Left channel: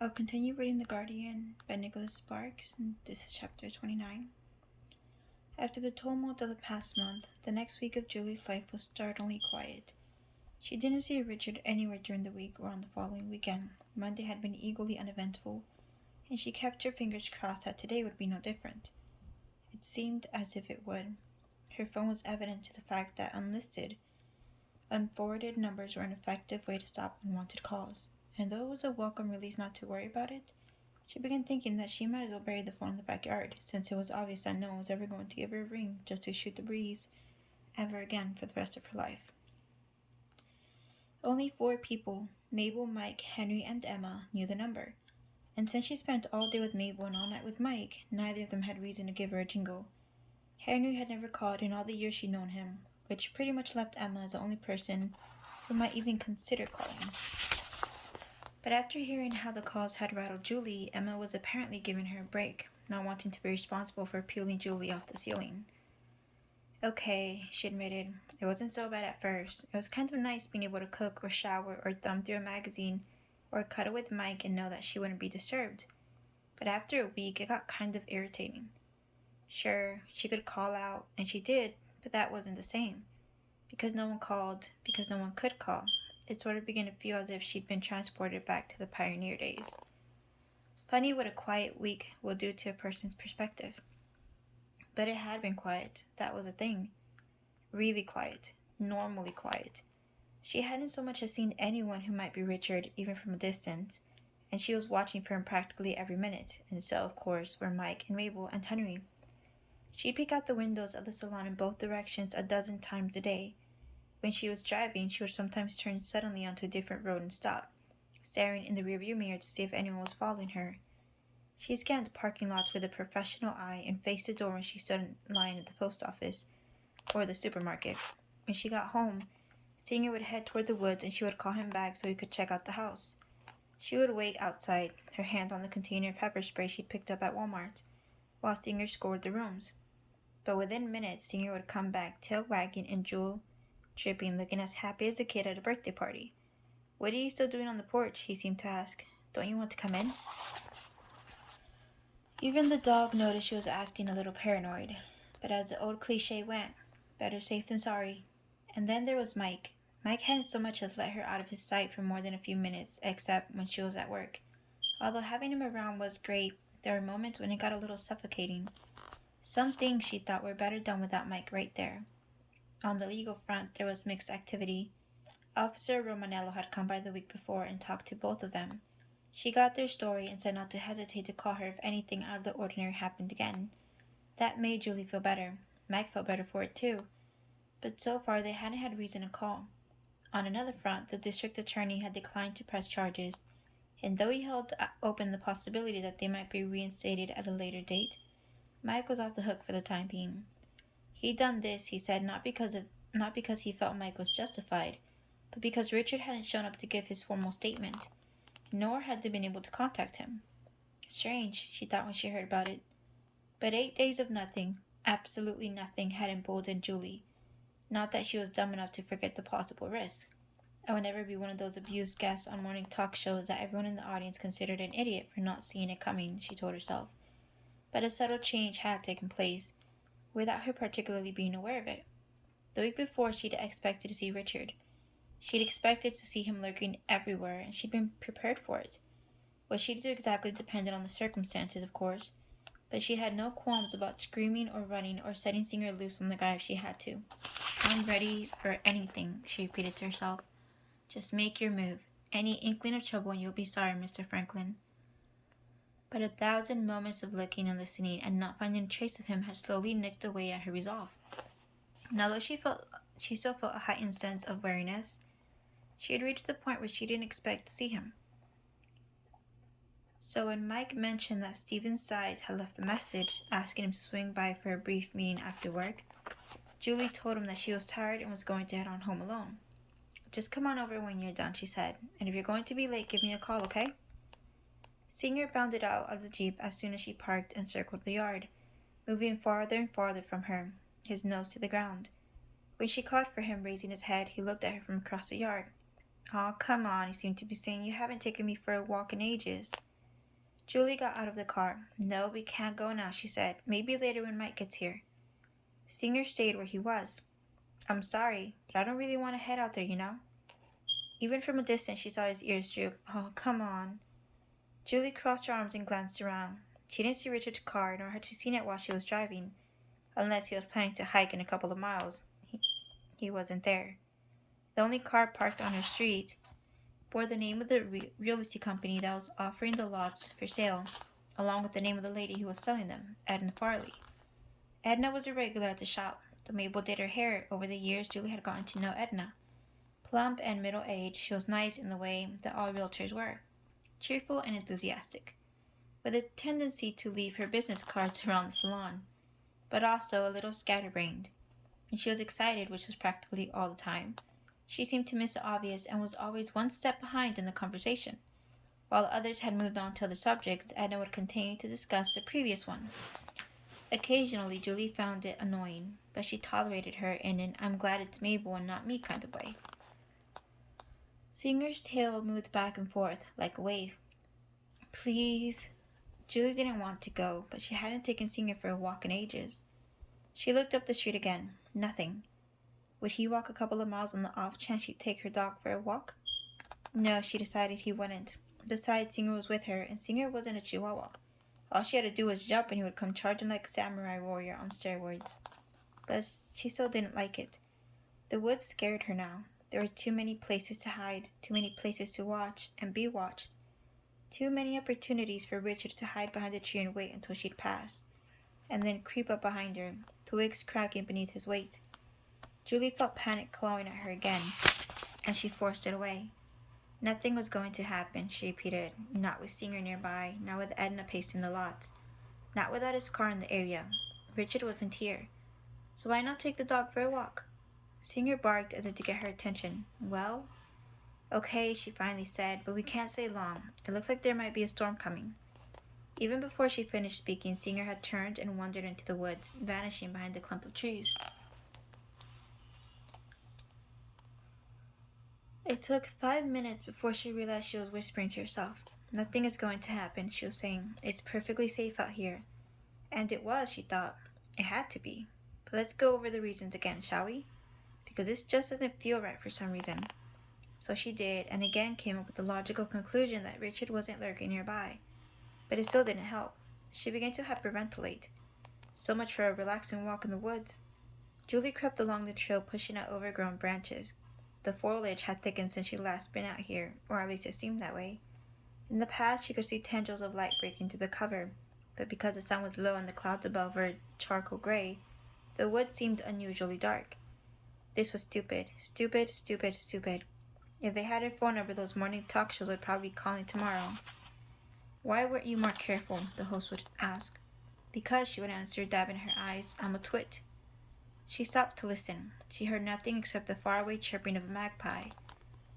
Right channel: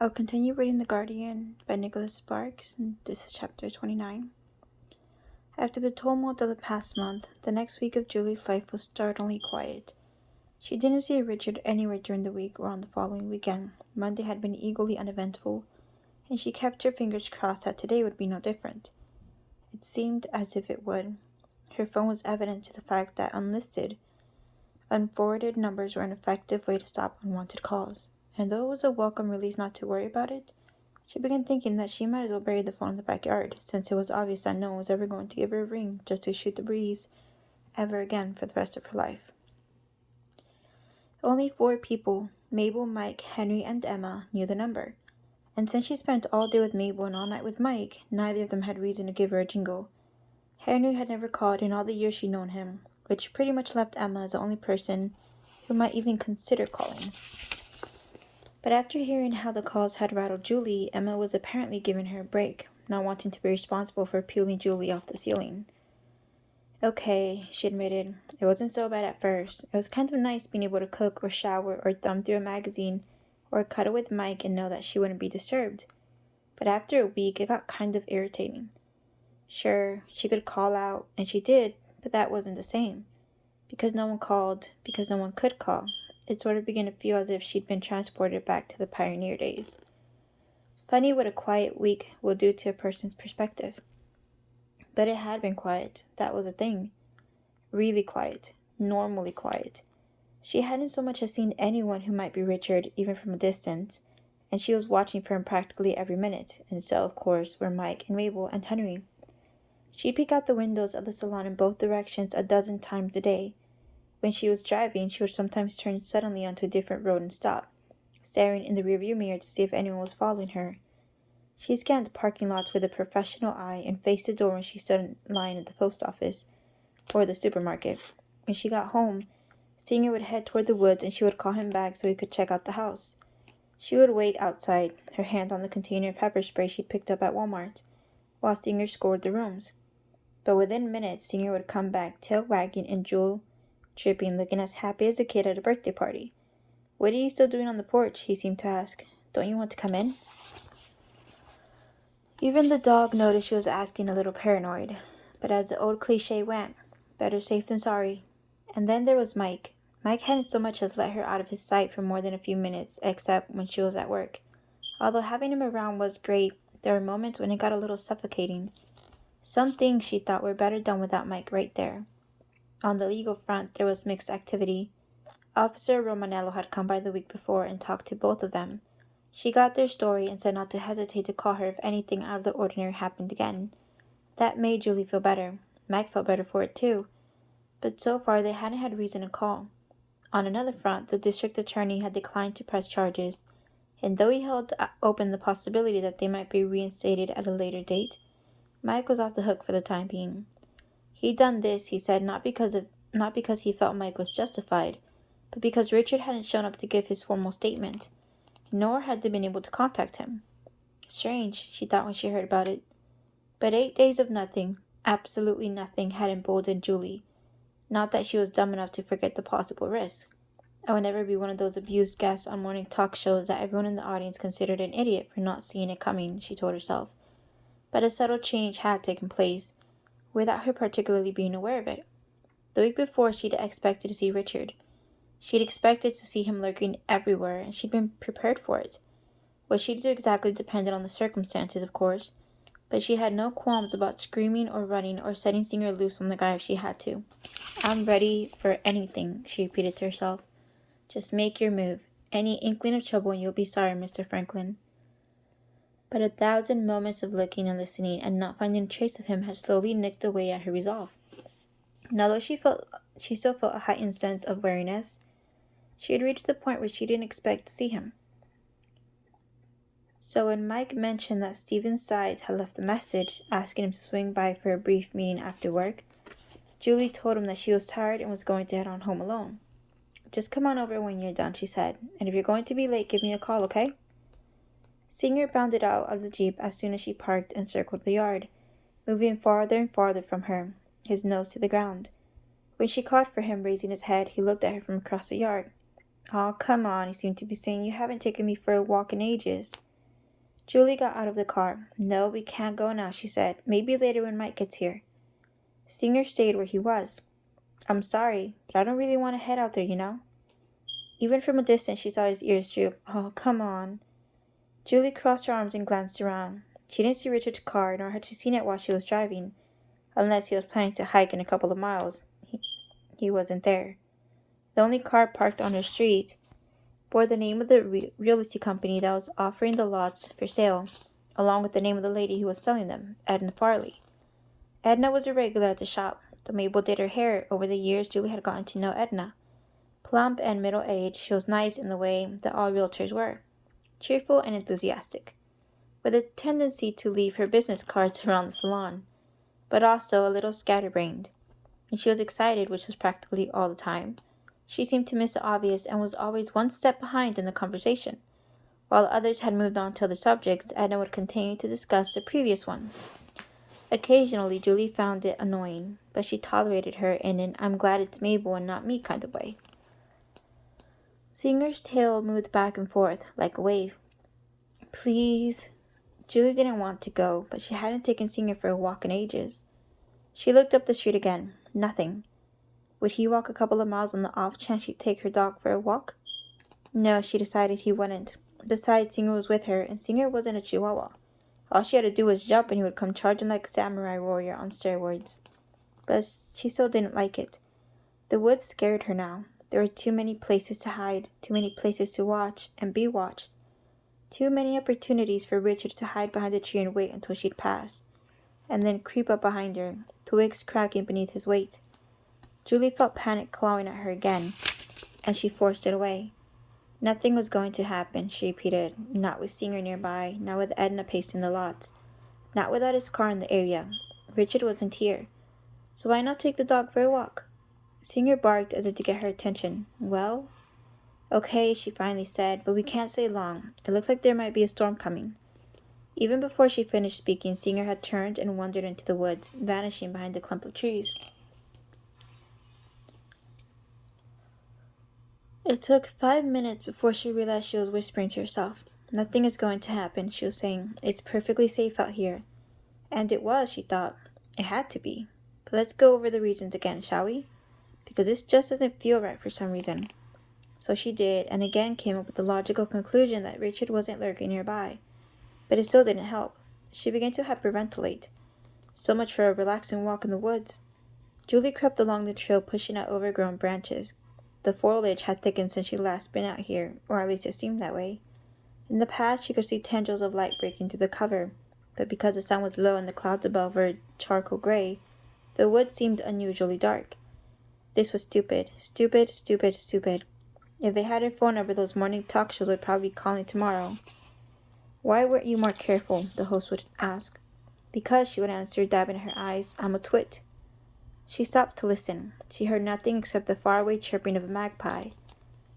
I'll continue reading The Guardian by Nicholas Sparks, and this is chapter 29. After the tumult of the past month, the next week of Julie's life was startlingly quiet. She didn't see Richard anywhere during the week or on the following weekend. Monday had been equally uneventful, and she kept her fingers crossed that today would be no different. It seemed as if it would. Her phone was evident to the fact that unlisted, unforwarded numbers were an effective way to stop unwanted calls. And though it was a welcome relief not to worry about it, she began thinking that she might as well bury the phone in the backyard, since it was obvious that no one was ever going to give her a ring just to shoot the breeze ever again for the rest of her life. Only 4 people, Mabel, Mike, Henry, and Emma, knew the number. And since she spent all day with Mabel and all night with Mike, neither of them had reason to give her a jingle. Henry had never called in all the years she'd known him, which pretty much left Emma as the only person who might even consider calling. But after hearing how the calls had rattled Julie, Emma was apparently giving her a break, not wanting to be responsible for peeling Julie off the ceiling. Okay, she admitted, it wasn't so bad at first. It was kind of nice being able to cook or shower or thumb through a magazine or cuddle with Mike and know that she wouldn't be disturbed. But after a week, it got kind of irritating. Sure, she could call out, and she did, but that wasn't the same. Because no one called, because no one could call, it sort of began to feel as if she'd been transported back to the pioneer days. Funny what a quiet week will do to a person's perspective. But it had been quiet, that was the thing. Really quiet, normally quiet. She hadn't so much as seen anyone who might be Richard, even from a distance, and she was watching for him practically every minute, and so, of course, were Mike and Mabel and Henry. She'd peek out the windows of the salon in both directions a dozen times a day. When she was driving, she would sometimes turn suddenly onto a different road and stop, staring in the rearview mirror to see if anyone was following her. She scanned parking lots with a professional eye and faced the door when she stood in line at the post office or the supermarket. When she got home, Singer would head toward the woods and she would call him back so he could check out the house. She would wait outside, her hand on the container of pepper spray she picked up at Walmart, while Singer scoured the rooms. But within minutes, Singer would come back, tail wagging and jewel dripping, looking as happy as a kid at a birthday party. What are you still doing on the porch? He seemed to ask. Don't you want to come in? Even the dog noticed she was acting a little paranoid, but as the old cliche went, better safe than sorry. And then there was Mike. Mike hadn't so much as let her out of his sight for more than a few minutes, except when she was at work. Although having him around was great, there were moments when it got a little suffocating. Some things she thought were better done without Mike right there. On the legal front, there was mixed activity. Officer Romanello had come by the week before and talked to both of them. She got their story and said not to hesitate to call her if anything out of the ordinary happened again. That made Julie feel better. Mike felt better for it too. But so far they hadn't had reason to call. On another front, the district attorney had declined to press charges, and though he held open the possibility that they might be reinstated at a later date, Mike was off the hook for the time being. He'd done this, he said, not because he felt Mike was justified, but because Richard hadn't shown up to give his formal statement, nor had they been able to contact him. Strange, she thought when she heard about it. But 8 days of nothing, absolutely nothing, had emboldened Julie. Not that she was dumb enough to forget the possible risk. I would never be one of those abused guests on morning talk shows that everyone in the audience considered an idiot for not seeing it coming, she told herself. But a subtle change had taken place, without her particularly being aware of it. The week before, she'd expected to see Richard. She'd expected to see him lurking everywhere, and she'd been prepared for it. What she'd do exactly depended on the circumstances, of course, but she had no qualms about screaming or running or setting Singer loose on the guy if she had to. I'm ready for anything, she repeated to herself. Just make your move. Any inkling of trouble and you'll be sorry, Mr. Franklin. But 1,000 moments of looking and listening and not finding a trace of him had slowly nicked away at her resolve. And although she still felt a heightened sense of wariness, she had reached the point where she didn't expect to see him. So when Mike mentioned that Stephen Sides had left a message asking him to swing by for a brief meeting after work, Julie told him that she was tired and was going to head on home alone. Just come on over when you're done, she said, and if you're going to be late, give me a call, okay? Singer bounded out of the Jeep as soon as she parked and circled the yard, moving farther and farther from her, his nose to the ground. When she called for him, raising his head, he looked at her from across the yard. "Aw, come on," he seemed to be saying. "You haven't taken me for a walk in ages." Julie got out of the car. No, we can't go now, she said. Maybe later when Mike gets here. Singer stayed where he was. I'm sorry, but I don't really want to head out there, you know? Even from a distance, she saw his ears droop. Oh, come on. Julie crossed her arms and glanced around. She didn't see Richard's car, nor had she seen it while she was driving, unless he was planning to hike in a couple of miles. He wasn't there. The only car parked on her street bore the name of the real estate company that was offering the lots for sale, along with the name of the lady who was selling them, Edna Farley. Edna was a regular at the shop. Though Mabel did her hair, over the years Julie had gotten to know Edna. Plump and middle-aged, she was nice in the way that all realtors were, cheerful and enthusiastic, with a tendency to leave her business cards around the salon, but also a little scatterbrained. When she was excited, which was practically all the time, she seemed to miss the obvious and was always one step behind in the conversation. While others had moved on to other subjects, Edna would continue to discuss the previous one. Occasionally, Julie found it annoying, but she tolerated her in an I'm glad it's Mabel and not me kind of way. Singer's tail moved back and forth like a wave. Please. Julie didn't want to go, but she hadn't taken Singer for a walk in ages. She looked up the street again. Nothing. Would he walk a couple of miles on the off chance she'd take her dog for a walk? No, she decided he wouldn't. Besides, Singer was with her, and Singer wasn't a chihuahua. All she had to do was jump and he would come charging like a samurai warrior on steroids. But she still didn't like it. The woods scared her now. There were too many places to hide, too many places to watch and be watched. Too many opportunities for Richard to hide behind a tree and wait until she'd pass, and then creep up behind her, twigs cracking beneath his weight. Julie felt panic clawing at her again, and she forced it away. Nothing was going to happen, she repeated, not with Singer nearby, not with Edna pacing the lots, not without his car in the area. Richard wasn't here, so why not take the dog for a walk? Singer barked as if to get her attention. Well? Okay, she finally said, but we can't stay long. It looks like there might be a storm coming. Even before she finished speaking, Singer had turned and wandered into the woods, vanishing behind a clump of trees. It took 5 minutes before she realized she was whispering to herself. Nothing is going to happen, she was saying. It's perfectly safe out here. And it was, she thought. It had to be. But let's go over the reasons again, shall we? Because this just doesn't feel right for some reason. So she did, and again came up with the logical conclusion that Richard wasn't lurking nearby. But it still didn't help. She began to hyperventilate. So much for a relaxing walk in the woods. Julie crept along the trail, pushing at overgrown branches. The foliage had thickened since she'd last been out here, or at least it seemed that way. In the past, she could see tendrils of light breaking through the cover, but because the sun was low and the clouds above were charcoal gray, the woods seemed unusually dark. This was stupid. Stupid, stupid, stupid. If they had her phone number, those morning talk shows would probably be calling tomorrow. Why weren't you more careful? The host would ask. Because, she would answer, dabbing her eyes, I'm a twit. She stopped to listen. She heard nothing except the faraway chirping of a magpie.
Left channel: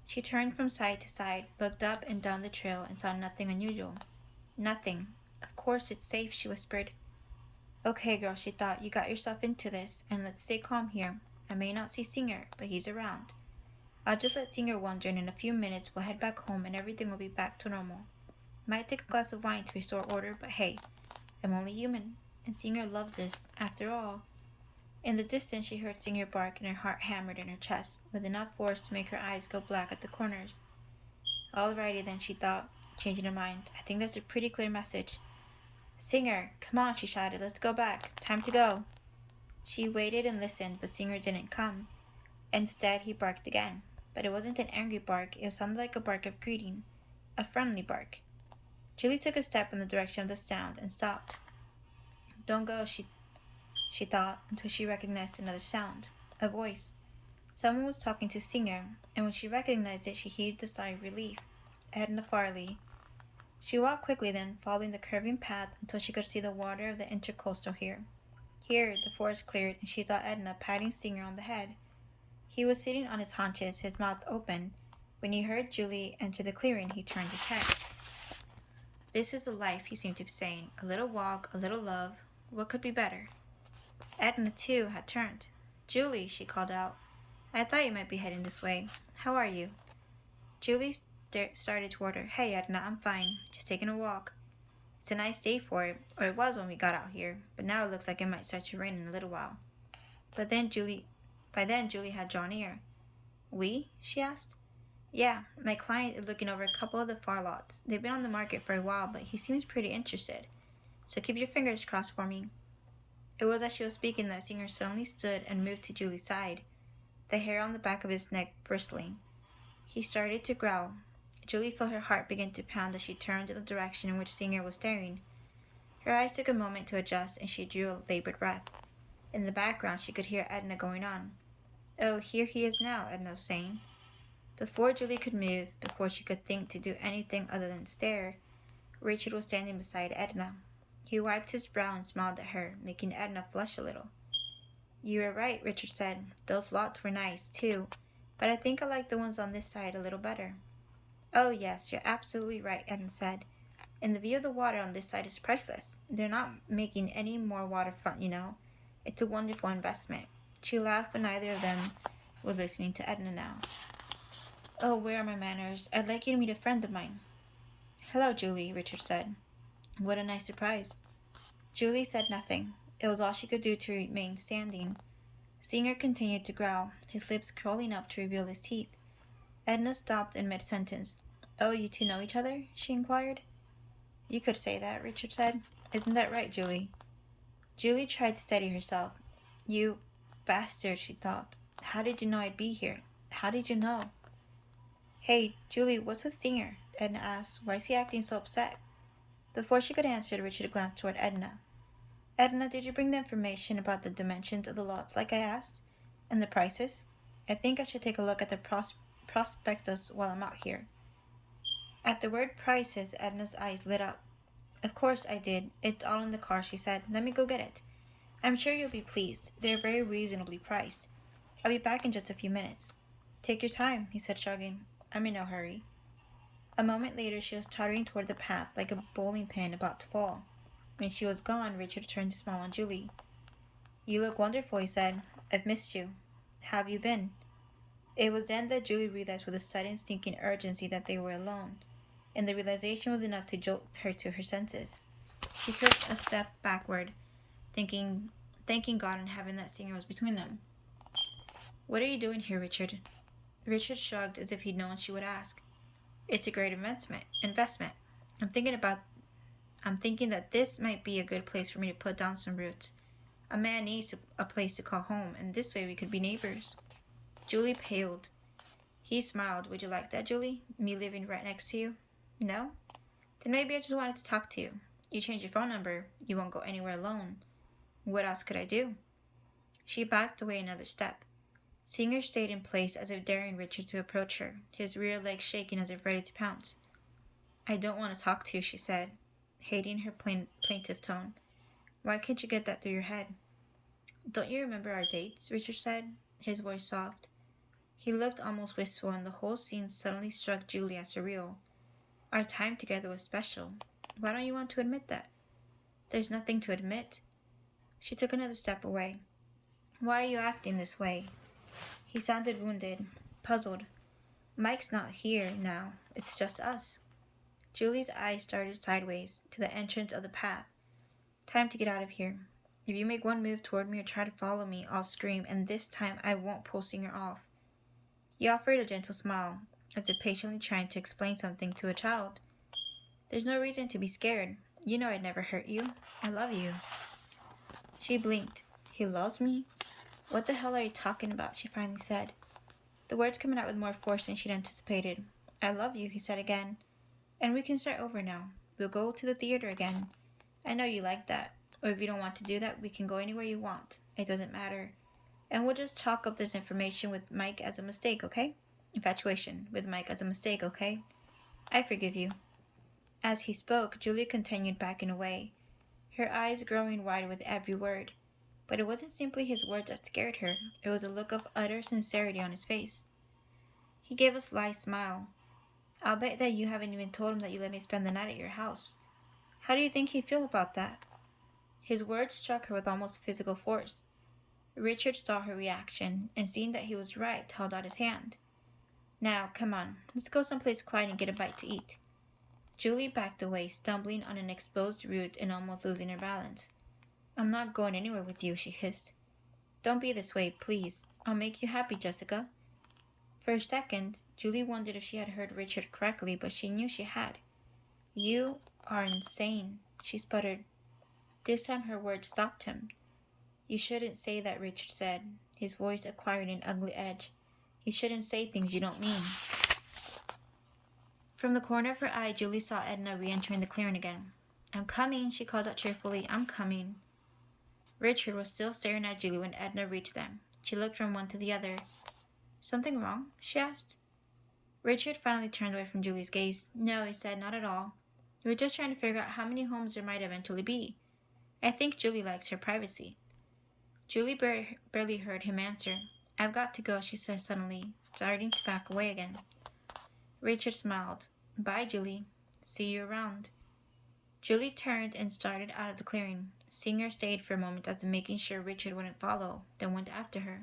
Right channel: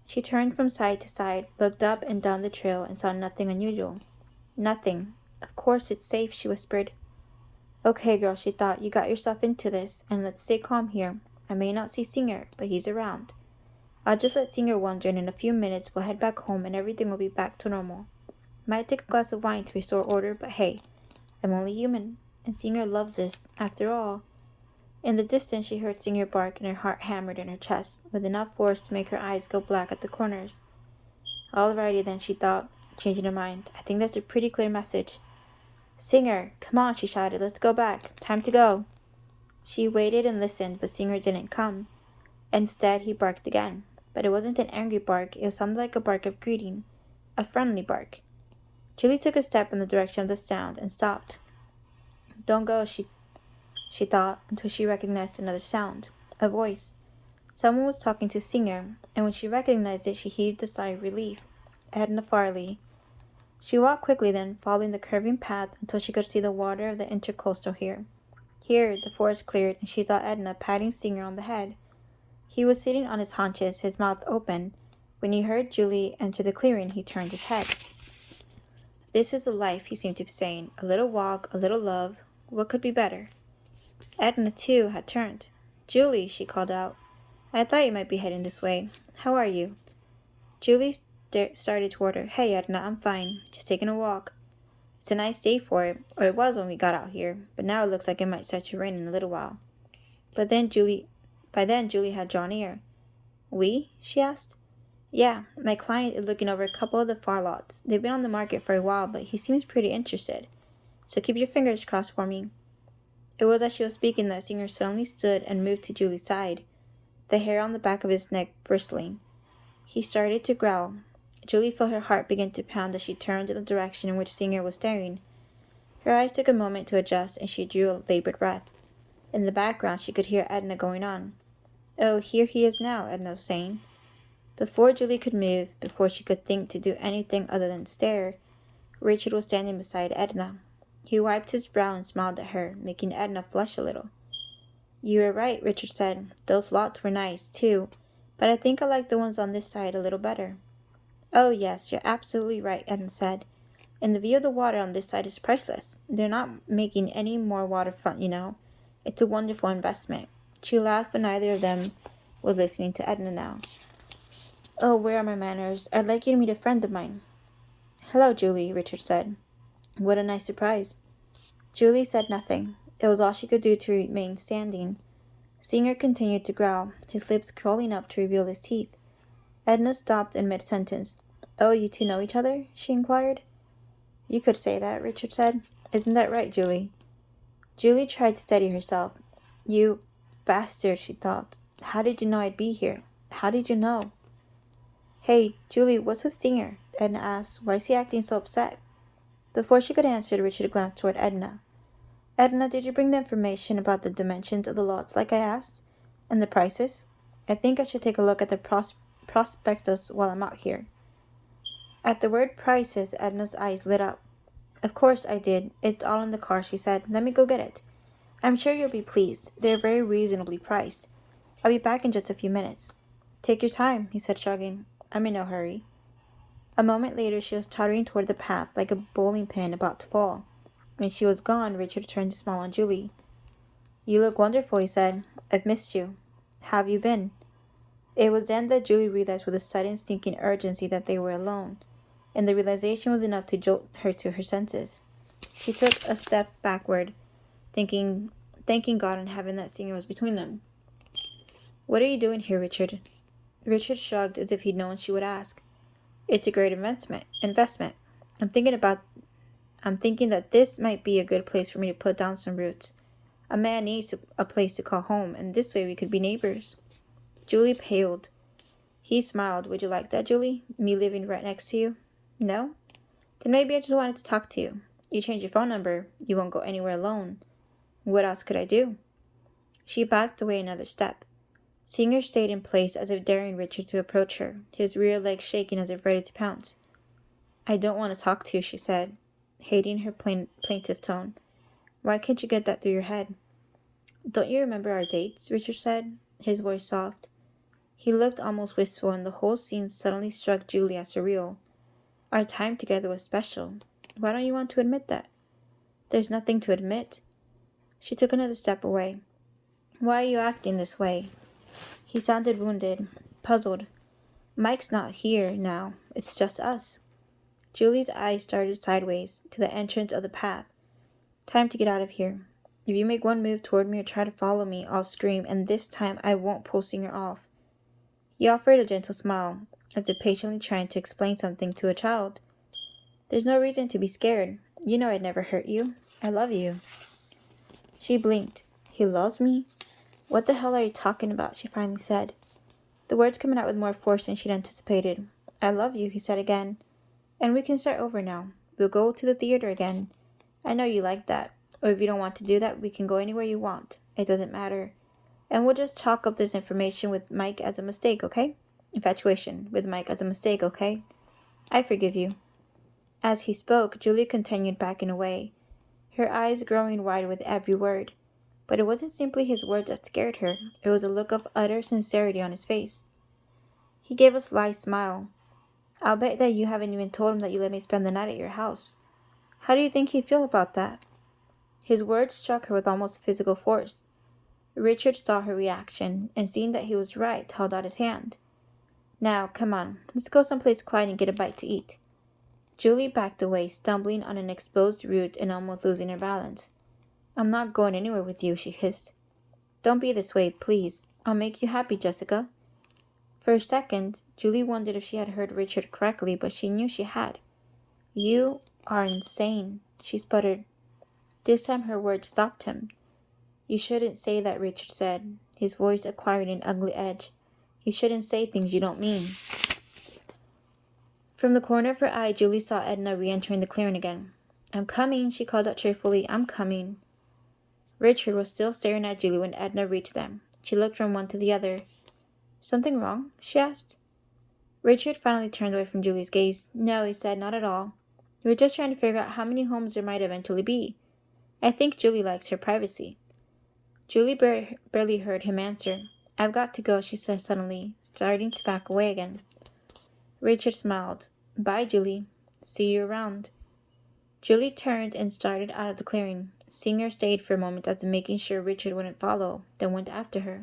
She turned from side to side, looked up and down the trail, and saw nothing unusual. Nothing. Of course it's safe, she whispered. Okay, girl, she thought, you got yourself into this, and let's stay calm here. I may not see Singer, but he's around. I'll just let Singer wander, and in a few minutes we'll head back home and everything will be back to normal. Might take a glass of wine to restore order, but hey, I'm only human, and Singer loves this, after all. In the distance, she heard Singer bark, and her heart hammered in her chest, with enough force to make her eyes go black at the corners. Alrighty then, she thought, changing her mind. I think that's a pretty clear message. Singer, come on, she shouted. Let's go back. Time to go. She waited and listened, but Singer didn't come. Instead, he barked again. But it wasn't an angry bark. It sounded like a bark of greeting. A friendly bark. Julie took a step in the direction of the sound and stopped. Don't go, she thought, until she recognized another sound. A voice. Someone was talking to Singer, and when she recognized it, she heaved a sigh of relief. Edna Farley. She walked quickly then, following the curving path until she could see the water of the intercoastal here. Here, the forest cleared, and she saw Edna patting Singer on the head. He was sitting on his haunches, his mouth open. When he heard Julie enter the clearing, he turned his head. This is the life, he seemed to be saying. A little walk, a little love. What could be better? Edna, too, had turned. Julie, she called out. I thought you might be heading this way. How are you? Julie started toward her. Hey, Edna, I'm fine. Just taking a walk. It's a nice day for it, or it was when we got out here, but now it looks like it might start to rain in a little while. But then Julie, by then Julie had drawn near. We? She asked. Yeah, my client is looking over a couple of the far lots. They've been on the market for a while, but he seems pretty interested. So keep your fingers crossed for me. It was as she was speaking that Singer suddenly stood and moved to Julie's side, the hair on the back of his neck bristling. He started to growl. Julie felt her heart begin to pound as she turned in the direction in which Singer was staring. Her eyes took a moment to adjust, and she drew a labored breath. In the background, she could hear Edna going on. Oh, here he is now, Edna was saying. Before Julie could move, before she could think to do anything other than stare, Richard was standing beside Edna. He wiped his brow and smiled at her, making Edna flush a little. You were right, Richard said. Those lots were nice, too, but I think I like the ones on this side a little better. Oh, yes, you're absolutely right, Edna said. And the view of the water on this side is priceless. They're not making any more waterfront, you know. It's a wonderful investment. She laughed, but neither of them was listening to Edna now. Oh, where are my manners? I'd like you to meet a friend of mine. Hello, Julie, Richard said. What a nice surprise. Julie said nothing. It was all she could do to remain standing. Singer continued to growl, his lips curling up to reveal his teeth. Edna stopped in mid-sentence. Oh, you two know each other? She inquired. You could say that, Richard said. Isn't that right, Julie? Julie tried to steady herself. You bastard, she thought. How did you know I'd be here? How did you know? Hey, Julie, what's with Singer? Edna asked. Why is he acting so upset? Before she could answer, Richard glanced toward Edna. Edna, did you bring the information about the dimensions of the lots like I asked? And the prices? I think I should take a look at the prospectus while I'm out here. At the word prices, Edna's eyes lit up. Of course I did. It's all in the car, she said. Let me go get it. I'm sure you'll be pleased. They're very reasonably priced. I'll be back in just a few minutes. Take your time, he said, shrugging. I'm in no hurry. A moment later, she was tottering toward the path like a bowling pin about to fall. When she was gone, Richard turned to smile on Julie. You look wonderful, he said. I've missed you. How have you been? It was then that Julie realized with a sudden sinking urgency that they were alone, and the realization was enough to jolt her to her senses. She took a step backward, thanking God in heaven that Singer was between them. What are you doing here, Richard? Richard shrugged as if he'd known she would ask. It's a great investment. I'm thinking that this might be a good place for me to put down some roots. A man needs a place to call home, and this way we could be neighbors. Julie paled. He smiled. Would you like that, Julie? Me living right next to you? No? Then maybe I just wanted to talk to you. You changed your phone number. You won't go anywhere alone. What else could I do? She backed away another step. Singer stayed in place as if daring Richard to approach her, his rear legs shaking as if ready to pounce. I don't want to talk to you, she said, hating her plaintive tone. Why can't you get that through your head? Don't you remember our dates? Richard said, his voice soft. He looked almost wistful, and the whole scene suddenly struck Julie as surreal. Our time together was special. Why don't you want to admit that? There's nothing to admit. She took another step away. Why are you acting this way? He sounded wounded, puzzled. Mike's not here now. It's just us. Julie's eyes started sideways to the entrance of the path. Time to get out of here. If you make one move toward me or try to follow me, I'll scream, and this time I won't pull Singer off. He offered a gentle smile, as if patiently trying to explain something to a child. There's no reason to be scared. You know I'd never hurt you. I love you. She blinked. He loves me? What the hell are you talking about? She finally said. The words coming out with more force than she'd anticipated. I love you, he said again. And we can start over now. We'll go to the theater again. I know you like that. Or if you don't want to do that, we can go anywhere you want. It doesn't matter. And we'll just chalk up this information with Mike as a mistake, okay? Infatuation with Mike as a mistake, okay? I forgive you. As he spoke, Julie continued backing away, her eyes growing wide with every word. But it wasn't simply his words that scared her. It was a look of utter sincerity on his face. He gave a sly smile. I'll bet that you haven't even told him that you let me spend the night at your house. How do you think he'd feel about that? His words struck her with almost physical force. Richard saw her reaction, and seeing that he was right, held out his hand. Now, come on, let's go someplace quiet and get a bite to eat. Julie backed away, stumbling on an exposed root and almost losing her balance. I'm not going anywhere with you, she hissed. Don't be this way, please. I'll make you happy, Jessica. For a second, Julie wondered if she had heard Richard correctly, but she knew she had. You are insane, she sputtered. This time her words stopped him. You shouldn't say that, Richard said, his voice acquiring an ugly edge. You shouldn't say things you don't mean. From the corner of her eye, Julie saw Edna re-entering the clearing again. I'm coming, she called out cheerfully. I'm coming. Richard was still staring at Julie when Edna reached them. She looked from one to the other. Something wrong? She asked. Richard finally turned away from Julie's gaze. No, he said, not at all. We're just trying to figure out how many homes there might eventually be. I think Julie likes her privacy. Julie barely heard him answer. I've got to go, she said suddenly, starting to back away again. Richard smiled. Bye, Julie. See you around. Julie turned and started out of the clearing. Singer stayed for a moment as if making sure Richard wouldn't follow, then went after her.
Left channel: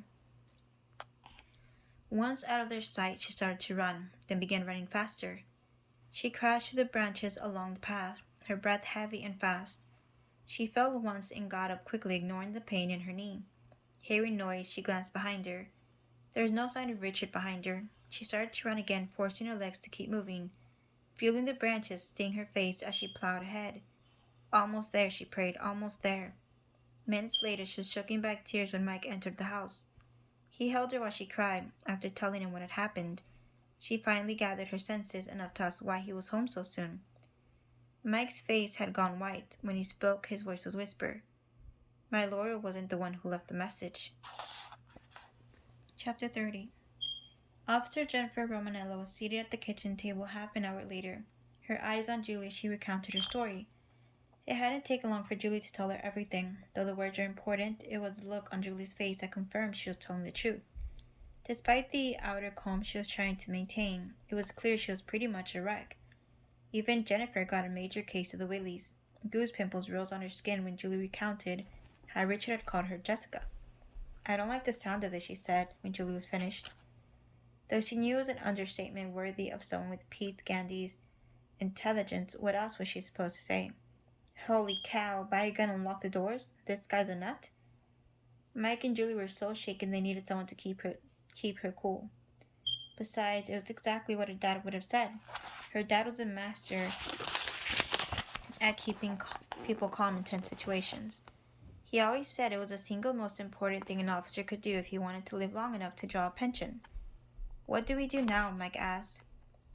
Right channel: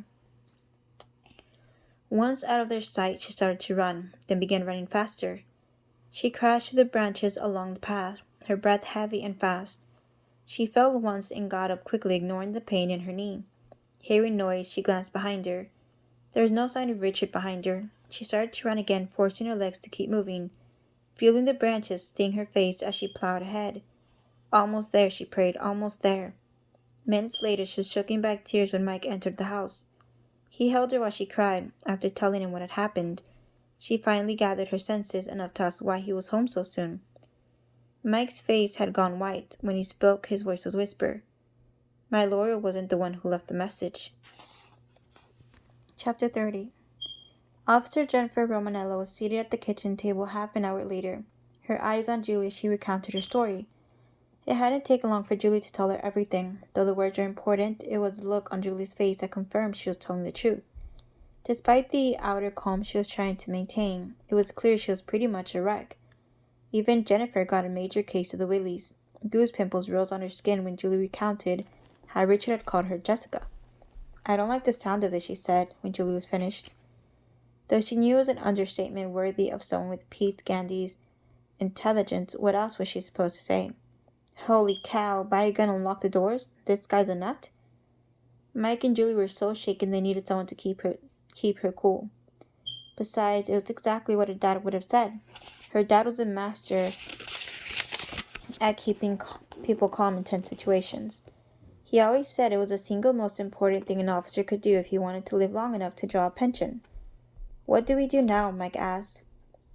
Once out of their sight, she started to run, then began running faster. She crashed through the branches along the path, her breath heavy and fast. She fell once and got up quickly, ignoring the pain in her knee. Hearing noise, she glanced behind her. There was no sign of Richard behind her. She started to run again, forcing her legs to keep moving, feeling the branches sting her face as she plowed ahead. Almost there, she prayed, almost there. Minutes later, she was choking back tears when Mike entered the house. He held her while she cried. After telling him what had happened, she finally gathered her senses enough to ask why he was home so soon. Mike's face had gone white. When he spoke, his voice was whisper. My lawyer wasn't the one who left the message. Chapter 30. Officer Jennifer Romanello was seated at the kitchen table half an hour later. Her eyes on Julie, she recounted her story. It hadn't taken long for Julie to tell her everything. Though the words were important, it was the look on Julie's face that confirmed she was telling the truth. Despite the outer calm she was trying to maintain, it was clear she was pretty much a wreck. Even Jennifer got a major case of the willies. Goose pimples rose on her skin when Julie recounted how Richard had called her Jessica. I don't like the sound of this, she said, when Julie was finished. Though she knew it was an understatement worthy of someone with Pete Gandy's intelligence, what else was she supposed to say? Holy cow, buy a gun and lock the doors? This guy's a nut? Mike and Julie were so shaken they needed someone to keep her cool. Besides, it was exactly what her dad would have said. Her dad was a master at keeping people calm in tense situations. He always said it was the single most important thing an officer could do if he wanted to live long enough to draw a pension. What do we do now? Mike asked.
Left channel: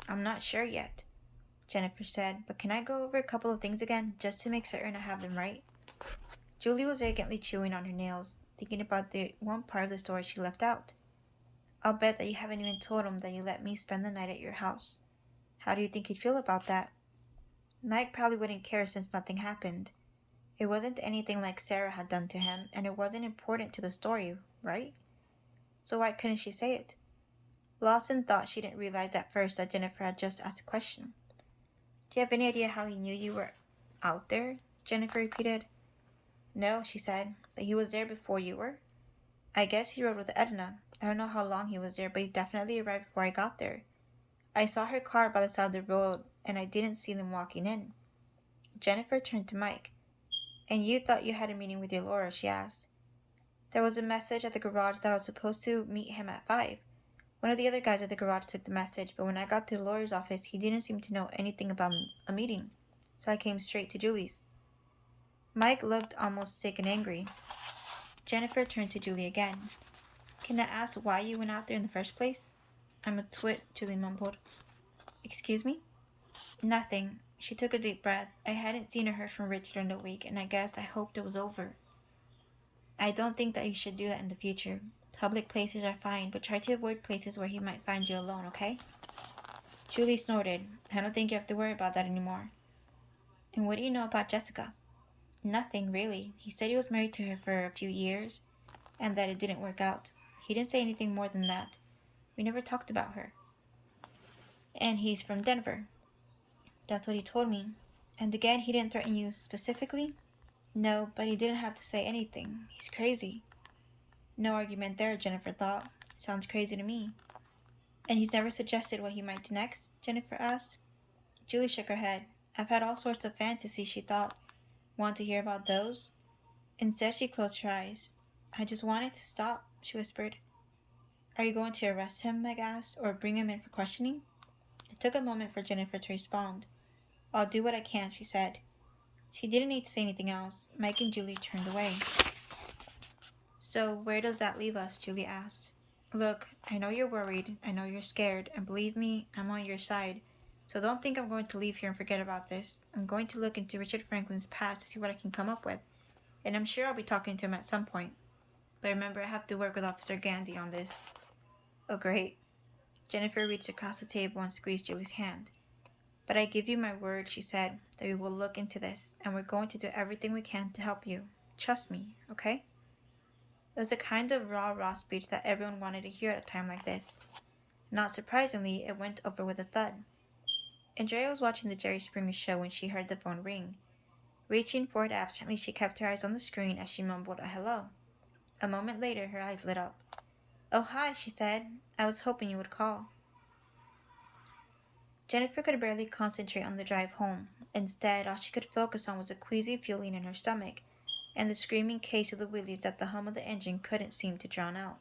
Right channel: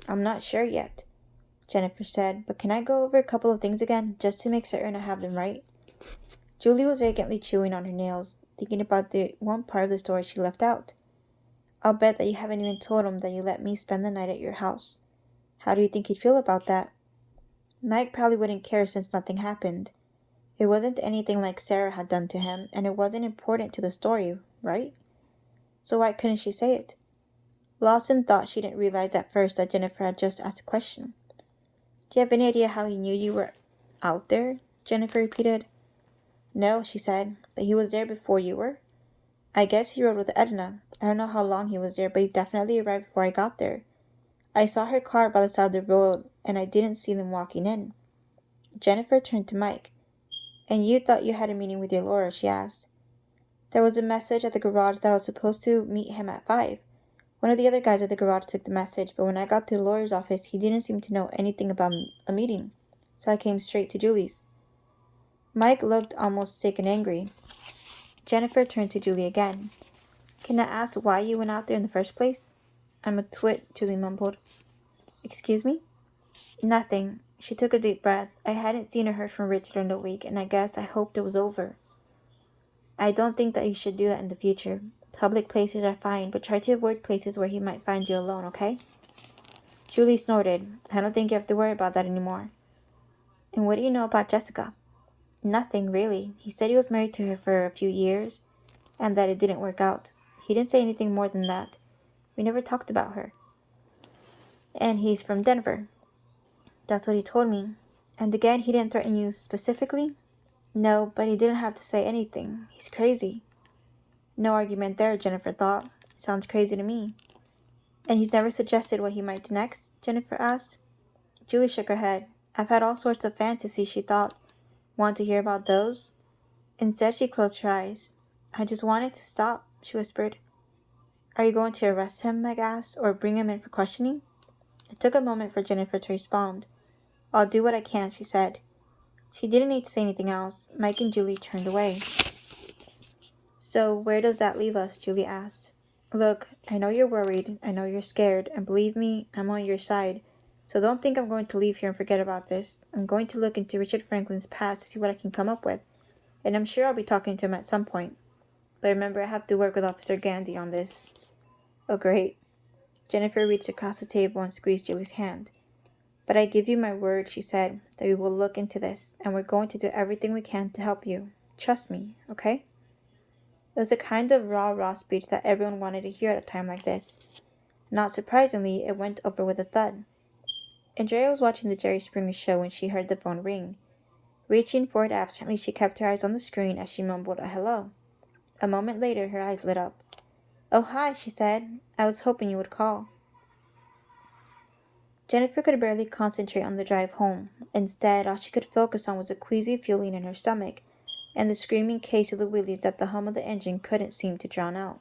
I'm not sure yet, Jennifer said, but can I go over a couple of things again, just to make certain I have them right? Julie was vacantly chewing on her nails, thinking about the one part of the story she left out. I'll bet that you haven't even told him that you let me spend the night at your house. How do you think he'd feel about that? Mike probably wouldn't care since nothing happened. It wasn't anything like Sarah had done to him, and it wasn't important to the story, right? So why couldn't she say it? Lawson thought she didn't realize at first that Jennifer had just asked a question. Do you have any idea how he knew you were out there? Jennifer repeated. No, she said, but he was there before you were. I guess he rode with Edna. I don't know how long he was there, but he definitely arrived before I got there. I saw her car by the side of the road, and I didn't see them walking in. Jennifer turned to Mike. And you thought you had a meeting with your lawyer, she asked. There was a message at the garage that I was supposed to meet him at 5. One of the other guys at the garage took the message, but when I got to the lawyer's office, he didn't seem to know anything about a meeting, so I came straight to Julie's. Mike looked almost sick and angry. Jennifer turned to Julie again. Can I ask why you went out there in the first place? I'm a twit, Julie mumbled. Excuse me? Nothing. She took a deep breath. I hadn't seen or heard from Richard in a week, and I guess I hoped it was over. I don't think that you should do that in the future. Public places are fine, but try to avoid places where he might find you alone, okay? Julie snorted. I don't think you have to worry about that anymore. And what do you know about Jessica? Nothing, really. He said he was married to her for a few years, and that it didn't work out. He didn't say anything more than that. We never talked about her. And he's from Denver. That's what he told me. And again, he didn't threaten you specifically? No, but he didn't have to say anything. He's crazy. No argument there, Jennifer thought. Sounds crazy to me. And he's never suggested what he might do next? Jennifer asked. Julie shook her head. I've had all sorts of fantasies, she thought. Want to hear about those? Instead, she closed her eyes. I just wanted to stop, she whispered. Are you going to arrest him? Meg asked, or bring him in for questioning? It took a moment for Jennifer to respond. I'll do what I can, she said. She didn't need to say anything else. Mike and Julie turned away. So, where does that leave us? Julie asked. Look, I know you're worried, I know you're scared, and believe me, I'm on your side. So don't think I'm going to leave here and forget about this. I'm going to look into Richard Franklin's past to see what I can come up with. And I'm sure I'll be talking to him at some point. But remember, I have to work with Officer Gandy on this. Oh, great. Jennifer reached across the table and squeezed Julie's hand. But I give you my word, she said, that we will look into this, and we're going to do everything we can to help you. Trust me, okay? It was a kind of raw speech that everyone wanted to hear at a time like this. Not surprisingly, it went over with a thud. Andrea was watching the Jerry Springer show when she heard the phone ring. Reaching for it absently, she kept her eyes on the screen as she mumbled a hello. A moment later, her eyes lit up. Oh, hi, she said. I was hoping you would call. Jennifer could barely concentrate on the drive home. Instead, all she could focus on was a queasy feeling in her stomach and the screaming case of the wheelies that the hum of the engine couldn't seem to drown out.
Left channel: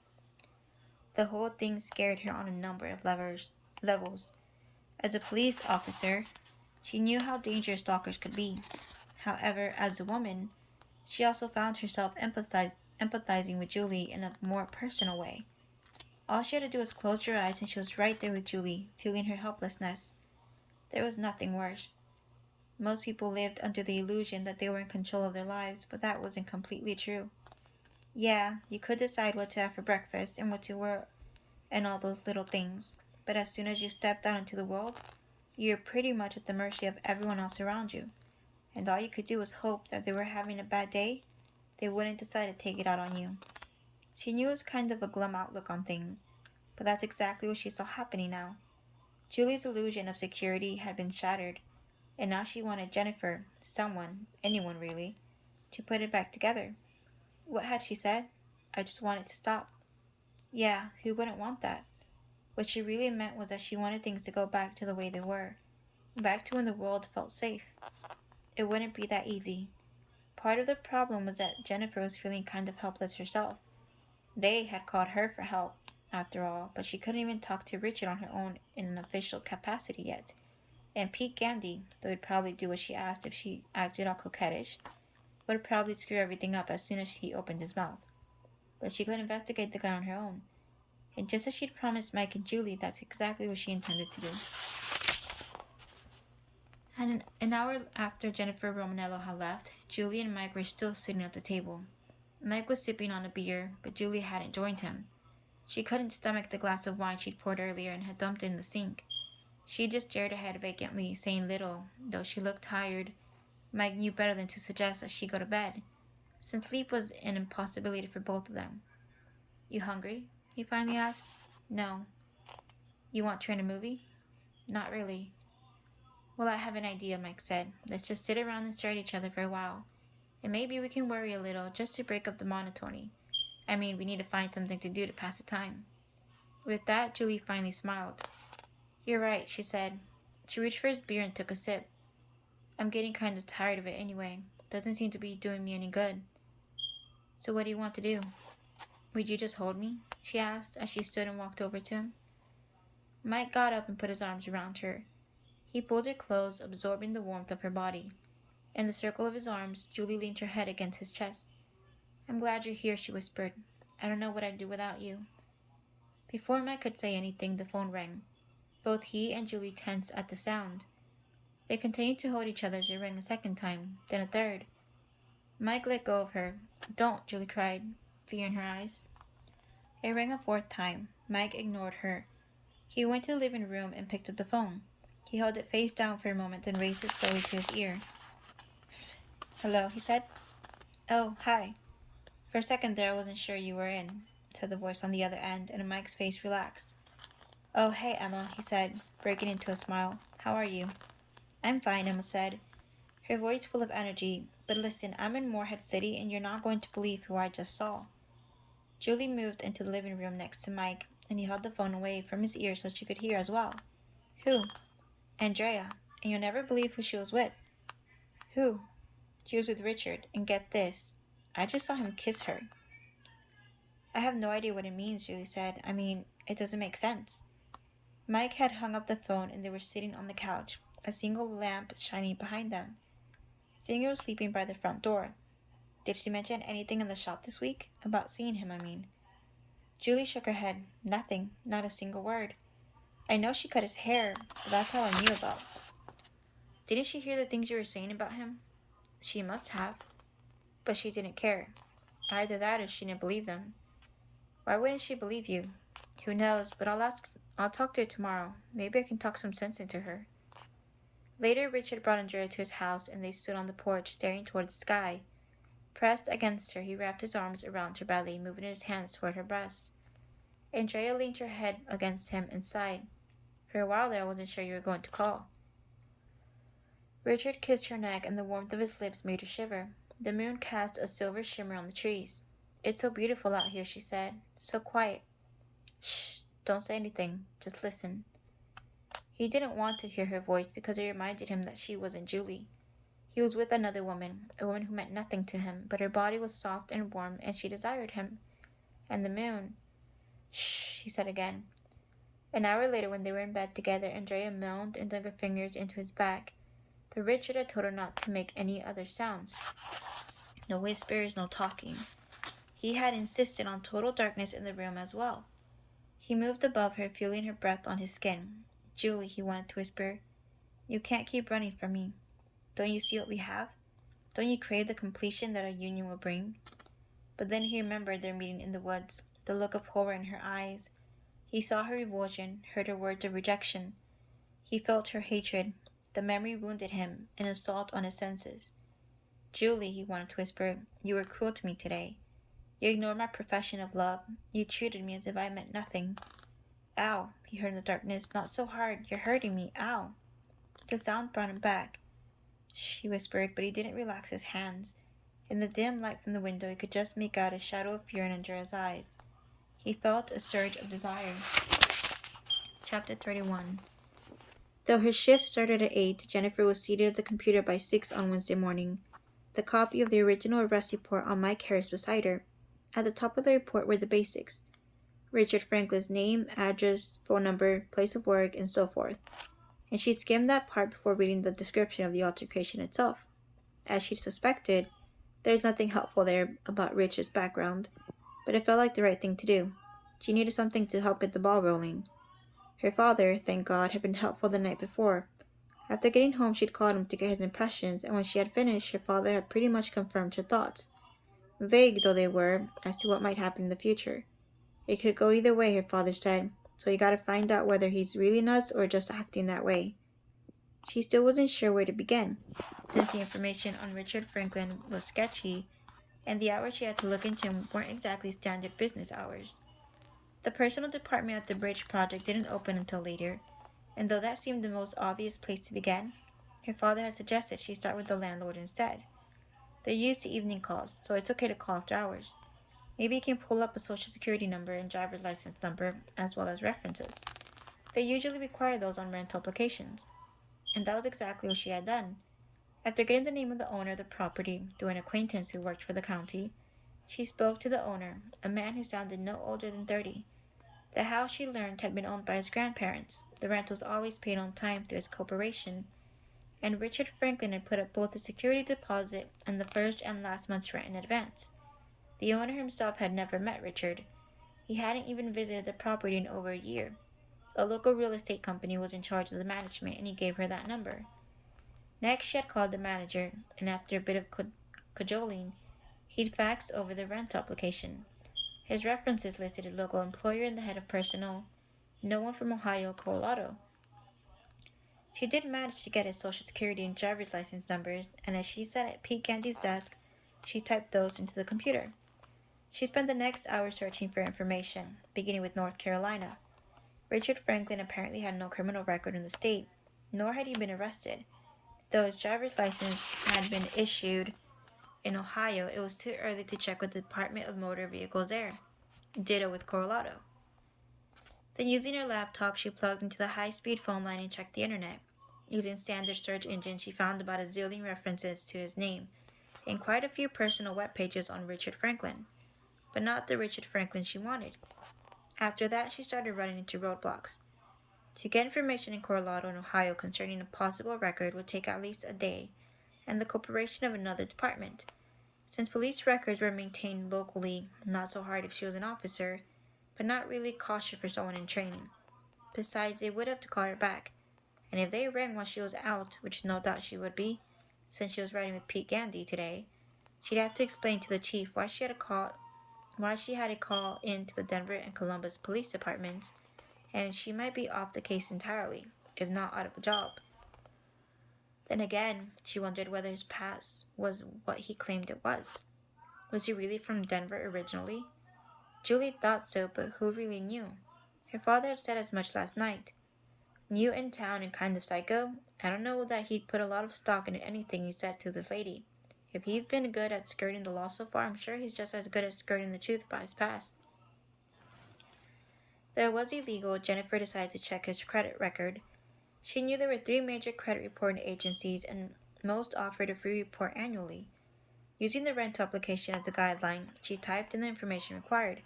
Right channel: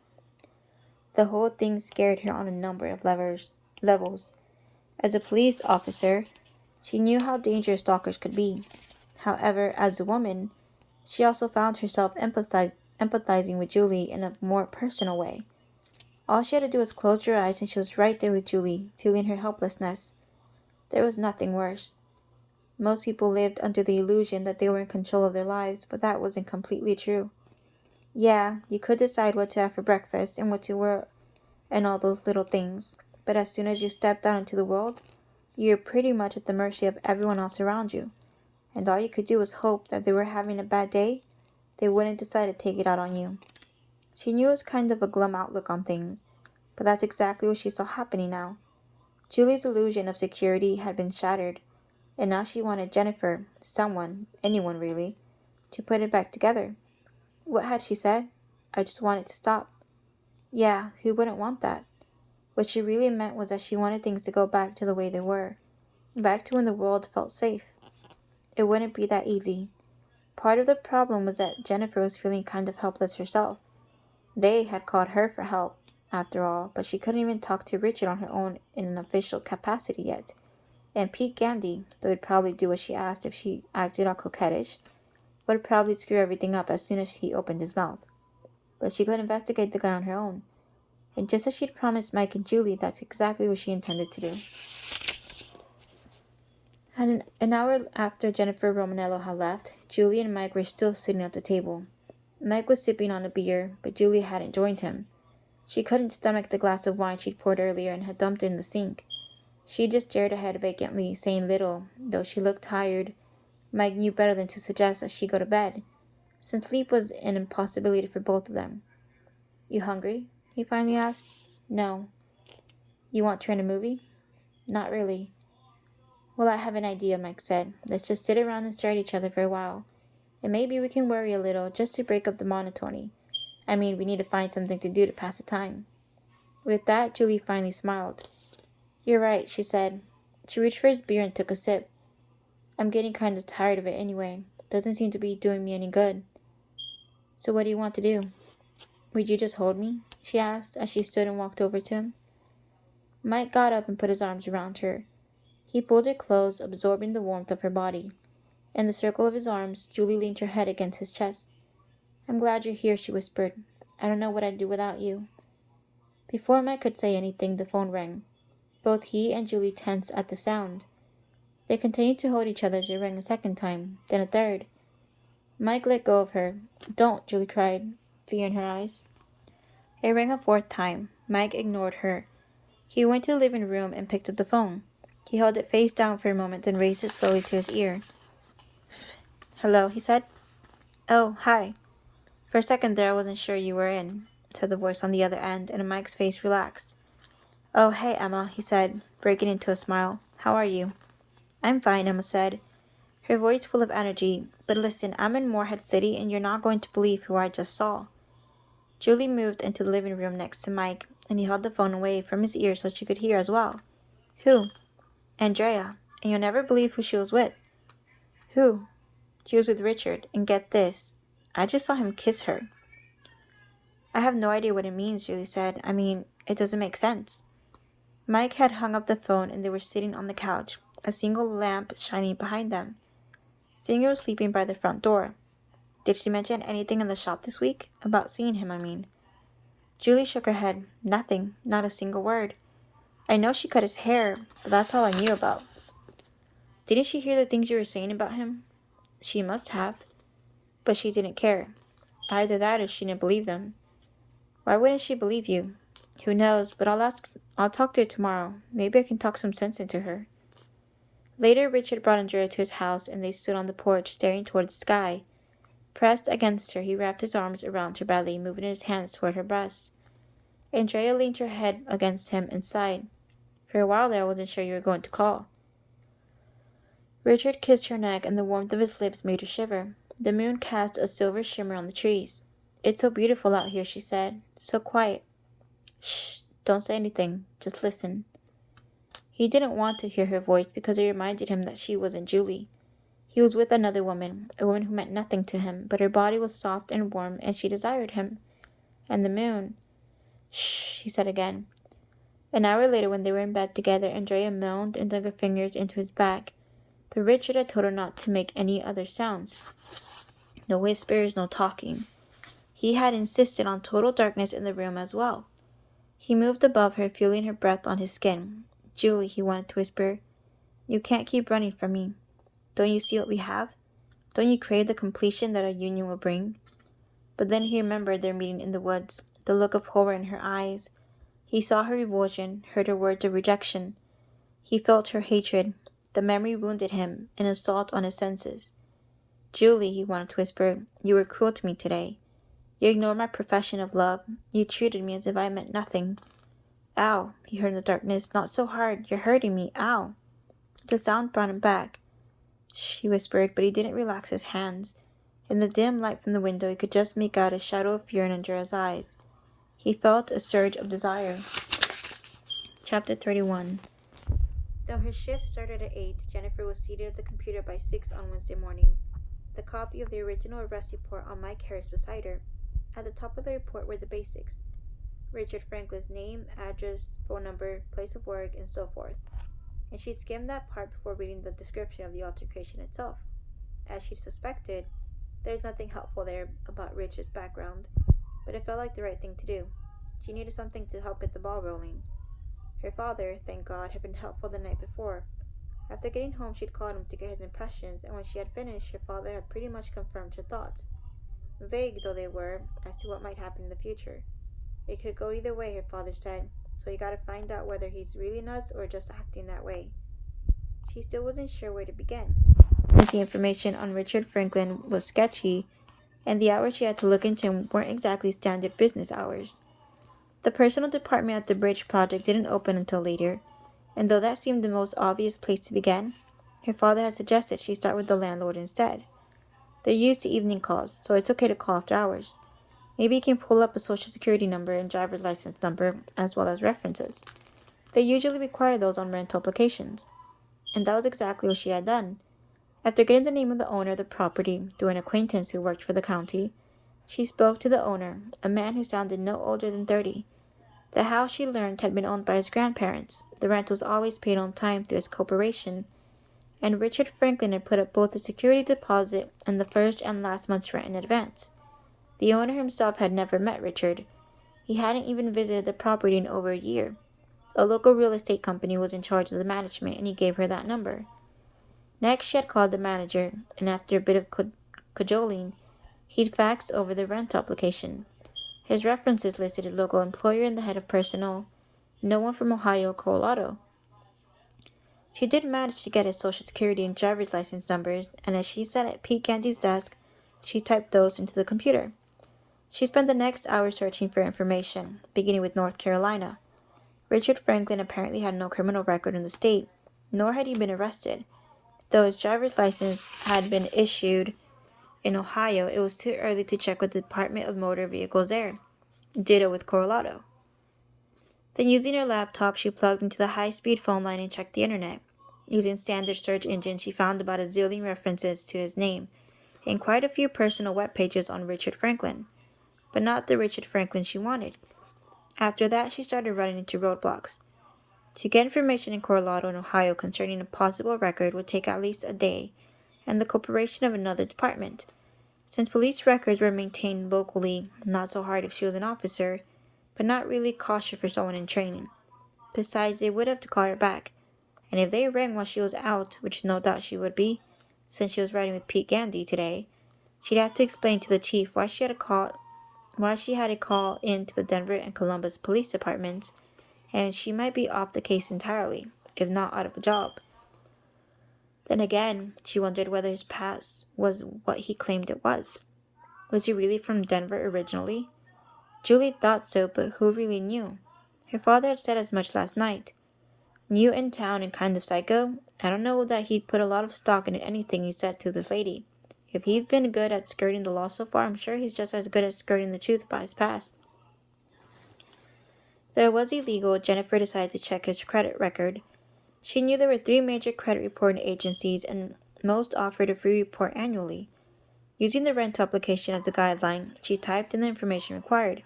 The whole thing scared her on a number of levels. As a police officer, she knew how dangerous stalkers could be. However, as a woman, she also found herself empathizing with Julie in a more personal way. All she had to do was close her eyes and she was right there with Julie, feeling her helplessness. There was nothing worse. Most people lived under the illusion that they were in control of their lives, but that wasn't completely true. Yeah, you could decide what to have for breakfast and what to wear and all those little things, but as soon as you stepped out into the world, you were pretty much at the mercy of everyone else around you, and all you could do was hope that if they were having a bad day, they wouldn't decide to take it out on you. She knew it was kind of a glum outlook on things, but that's exactly what she saw happening now. Julie's illusion of security had been shattered, and now she wanted Jennifer, someone, anyone really, to put it back together. What had she said? I just wanted to stop. Yeah, who wouldn't want that? What she really meant was that she wanted things to go back to the way they were, back to when the world felt safe. It wouldn't be that easy. Part of the problem was that Jennifer was feeling kind of helpless herself. They had called her for help, after all, but she couldn't even talk to Richard on her own in an official capacity yet. And Pete Gandy, though he'd probably do what she asked if she acted all coquettish, would probably screw everything up as soon as he opened his mouth. But she could investigate the guy on her own. And just as she'd promised Mike and Julie, that's exactly what she intended to do. And an hour after Jennifer Romanello had left, Julie and Mike were still sitting at the table. Mike was sipping on a beer, but Julie hadn't joined him. She couldn't stomach the glass of wine she'd poured earlier and had dumped in the sink. She just stared ahead vacantly, saying little, though she looked tired. Mike knew better than to suggest that she go to bed, since sleep was an impossibility for both of them. You hungry? He finally asked. No. You want to rent a movie? Not really. Well, I have an idea, Mike said. Let's just sit around and stare at each other for a while. And maybe we can worry a little, just to break up the monotony. I mean, we need to find something to do to pass the time. With that, Julie finally smiled. You're right, she said. She reached for his beer and took a sip. I'm getting kind of tired of it anyway. Doesn't seem to be doing me any good. So what do you want to do? Would you just hold me? She asked as she stood and walked over to him. Mike got up and put his arms around her. He pulled her close, absorbing the warmth of her body. In the circle of his arms, Julie leaned her head against his chest. I'm glad you're here, she whispered. I don't know what I'd do without you. Before Mike could say anything, the phone rang. Both he and Julie tensed at the sound. They continued to hold each other as it rang a second time, then a third. Mike let go of her. Don't, Julie cried, fear in her eyes. It rang a fourth time. Mike ignored her. He went to the living room and picked up the phone. He held it face down for a moment, then raised it slowly to his ear. Hello, he said. Oh, hi. For a second there, I wasn't sure you were in, said the voice on the other end, and Mike's face relaxed. Oh, hey, Emma, he said, breaking into a smile. How are you? I'm fine, Emma said, her voice full of energy. But listen, I'm in Moorhead City, and you're not going to believe who I just saw. Julie moved into the living room next to Mike, and he held the phone away from his ear so she could hear as well. Who? Andrea. and you'll never believe who she was with. Who? She was with Richard, and get this, I just saw him kiss her. I have no idea what it means, Julie said. I mean, it doesn't make sense. Mike had hung up the phone and they were sitting on the couch, a single lamp shining behind them. Singer was sleeping by the front door. Did she mention anything in the shop this week? About seeing him, I mean. Julie shook her head. Nothing. Not a single word. I know she cut his hair, but that's all I knew about. Didn't she hear the things you were saying about him? She must have. But she didn't care. Either that or she didn't believe them. Why wouldn't she believe you? Who knows, but I'll talk to her tomorrow. Maybe I can talk some sense into her. Later, Richard brought Andrea to his house, and they stood on the porch, staring toward the sky. Pressed against her, he wrapped his arms around her belly, moving his hands toward her breast. Andrea leaned her head against him and sighed. For a while there, I wasn't sure you were going to call. Richard kissed her neck, and the warmth of his lips made her shiver. The moon cast a silver shimmer on the trees. It's so beautiful out here, she said. So quiet. Shh, don't say anything. Just listen. He didn't want to hear her voice because it reminded him that she wasn't Julie. He was with another woman, a woman who meant nothing to him, but her body was soft and warm, and she desired him. And the moon. Shh, he said again. An hour later, when they were in bed together, Andrea moaned and dug her fingers into his back, but Richard had told her not to make any other sounds. No whispers, no talking. He had insisted on total darkness in the room as well. He moved above her, feeling her breath on his skin. Julie, he wanted to whisper, you can't keep running from me. Don't you see what we have? Don't you crave the completion that our union will bring? But then he remembered their meeting in the woods, the look of horror in her eyes. He saw her revulsion, heard her words of rejection. He felt her hatred. The memory wounded him, an assault on his senses. Julie, he wanted to whisper, you were cruel to me today. You ignored my profession of love. You treated me as if I meant nothing. Ow, he heard in the darkness. Not so hard. You're hurting me. Ow. The sound brought him back. Shh, he whispered, but he didn't relax his hands. In the dim light from the window, he could just make out a shadow of fear in Andrea's eyes. He felt a surge of desire. Chapter 31. Though her shift started at 8, Jennifer was seated at the computer by 6 on Wednesday morning. The copy of the original arrest report on Mike Harris beside her. At the top of the report were the basics. Richard Franklin's name, address, phone number, place of work, and so forth. And she skimmed that part before reading the description of the altercation itself. As she suspected, there's nothing helpful there about Richard's background, but it felt like the right thing to do. She needed something to help get the ball rolling. Her father, thank God, had been helpful the night before. After getting home, she'd called him to get his impressions, and when she had finished, her father had pretty much confirmed her thoughts. Vague though they were, as to what might happen in the future. It could go either way, her father said, so you gotta find out whether he's really nuts or just acting that way. She still wasn't sure where to begin, since the information on Richard Franklin was sketchy, and the hours she had to look into him weren't exactly standard business hours. The personal department at the bridge project didn't open until later, and though that seemed the most obvious place to begin, her father had suggested she start with the landlord instead. They're used to evening calls, so it's okay to call after hours. Maybe you can pull up a social security number and driver's license number, as well as references. They usually require those on rental applications. And that was exactly what she had done. After getting the name of the owner of the property through an acquaintance who worked for the county, she spoke to the owner, a man who sounded no older than 30. The house, she learned, had been owned by his grandparents. The rent was always paid on time through his corporation, and Richard Franklin had put up both the security deposit and the first and last month's rent in advance. The owner himself had never met Richard. He hadn't even visited the property in over a year. A local real estate company was in charge of the management, and he gave her that number. Next, she had called the manager, and after a bit of cajoling, he'd faxed over the rent application. His references listed his local employer and the head of personnel, no one from Ohio or Colorado. She did manage to get his social security and driver's license numbers, and as she sat at Pete Gandy's desk, she typed those into the computer. She spent the next hour searching for information, beginning with North Carolina. Richard Franklin apparently had no criminal record in the state, nor had he been arrested. Though his driver's license had been issued in Ohio, it was too early to check with the Department of Motor Vehicles there. Ditto with Colorado. Then using her laptop, she plugged into the high-speed phone line and checked the internet. Using standard search engine, she found about a zillion references to his name and quite a few personal web pages on Richard Franklin, but not the Richard Franklin she wanted. After that, she started running into roadblocks. To get information in Colorado and Ohio concerning a possible record would take at least a day, and the cooperation of another department. Since police records were maintained locally, not so hard if she was an officer, but not really cautious for someone in training. Besides, they would have to call her back, and if they rang while she was out, which no doubt she would be, since she was riding with Pete Gandy today, she'd have to explain to the chief why she had to call in to the Denver and Columbus police departments, and she might be off the case entirely, if not out of a job. Then again, she wondered whether his past was what he claimed it was. Was he really from Denver originally? Julie thought so, but who really knew? Her father had said as much last night. New in town and kind of psycho, I don't know that he'd put a lot of stock into anything he said to this lady. If he's been good at skirting the law so far, I'm sure he's just as good at skirting the truth by his past. Though it was illegal, Jennifer decided to check his credit record. She knew there were 3 major credit reporting agencies, and most offered a free report annually. Using the rental application as a guideline, she typed in the information required.